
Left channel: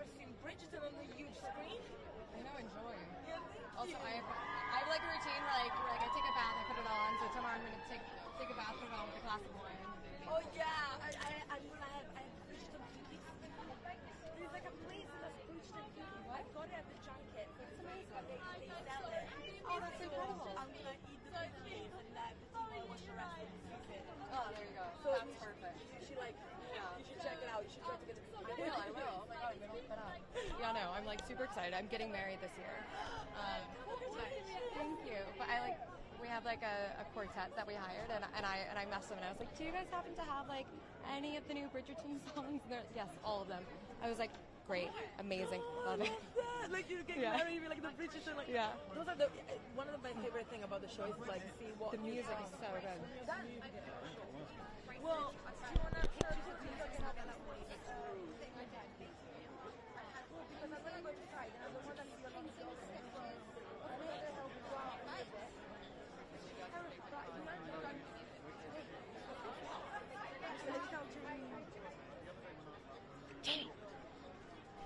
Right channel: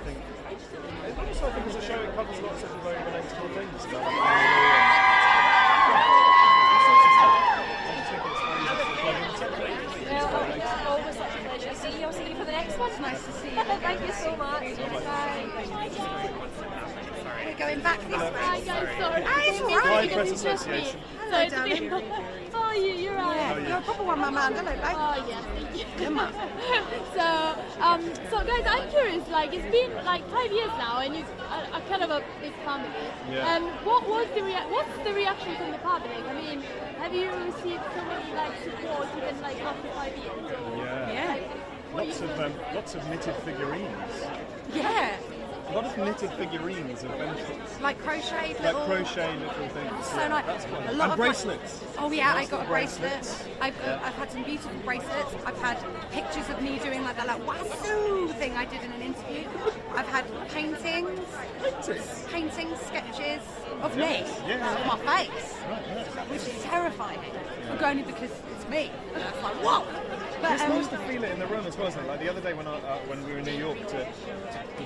think. Also, I think as a show, it covers lots of very relatable things. I'll see you for the next one. Nice to see you. Thank you so much. Bye. We're going back this way. Hi guys, sorry. It's all Blind right. Press Association. Hello, darling. How are you? You're right. Yeah, you're a proper one, my man. Hello, babe. Oh yeah, thank you. Come on. So guys, I'm curious. Like, it's been like 5 years now, and you're kind of a big family. Yeah. What's the reaction from the public? I mean, have you received so much like support even like after 5 years? Yeah. Lots of knitted figurines. Yeah. A lot of knitted figurines of benefits. Like crochet Like little... crochet little things. So nice. That's fun. A lot And of bracelets. Oh yeah, I got a Bracelets. bracelet. I've had some beautiful bracelets. I've had pictures of me doing like that wazoo thing I did in an interview. I've had paintings, sketches of me, of my face, which is terrifying. Only because it's me. And it's like, whoa! But, It's nice to feel it in the room as well, isn't it? Like the other day when we were in New York to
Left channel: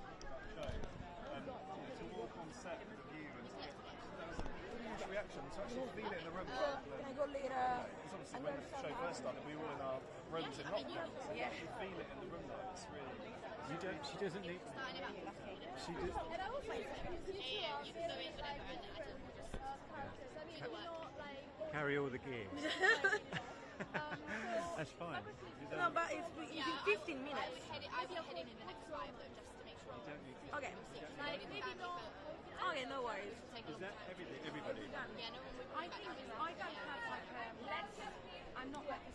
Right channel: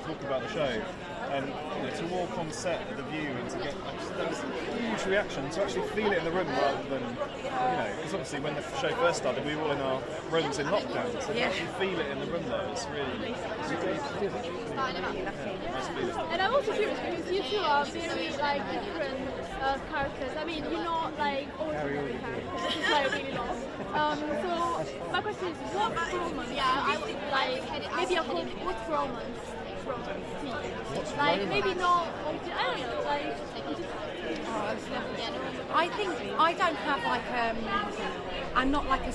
talk about the show, and to walk on set at the View and to get that was a huge reaction. To actually feel it in the room rather than because obviously when the show first started, we were all in our rooms in lockdown. So to actually feel it in the room though, it's really nice feeling. And I'm also curious because you two are very like different characters. I mean, you're not like all different characters. This is like really long. So my question is, what romance? Yeah, I think like maybe a whole what's romance? Like maybe not. I don't know. Like. I think I don't have like I'm not like a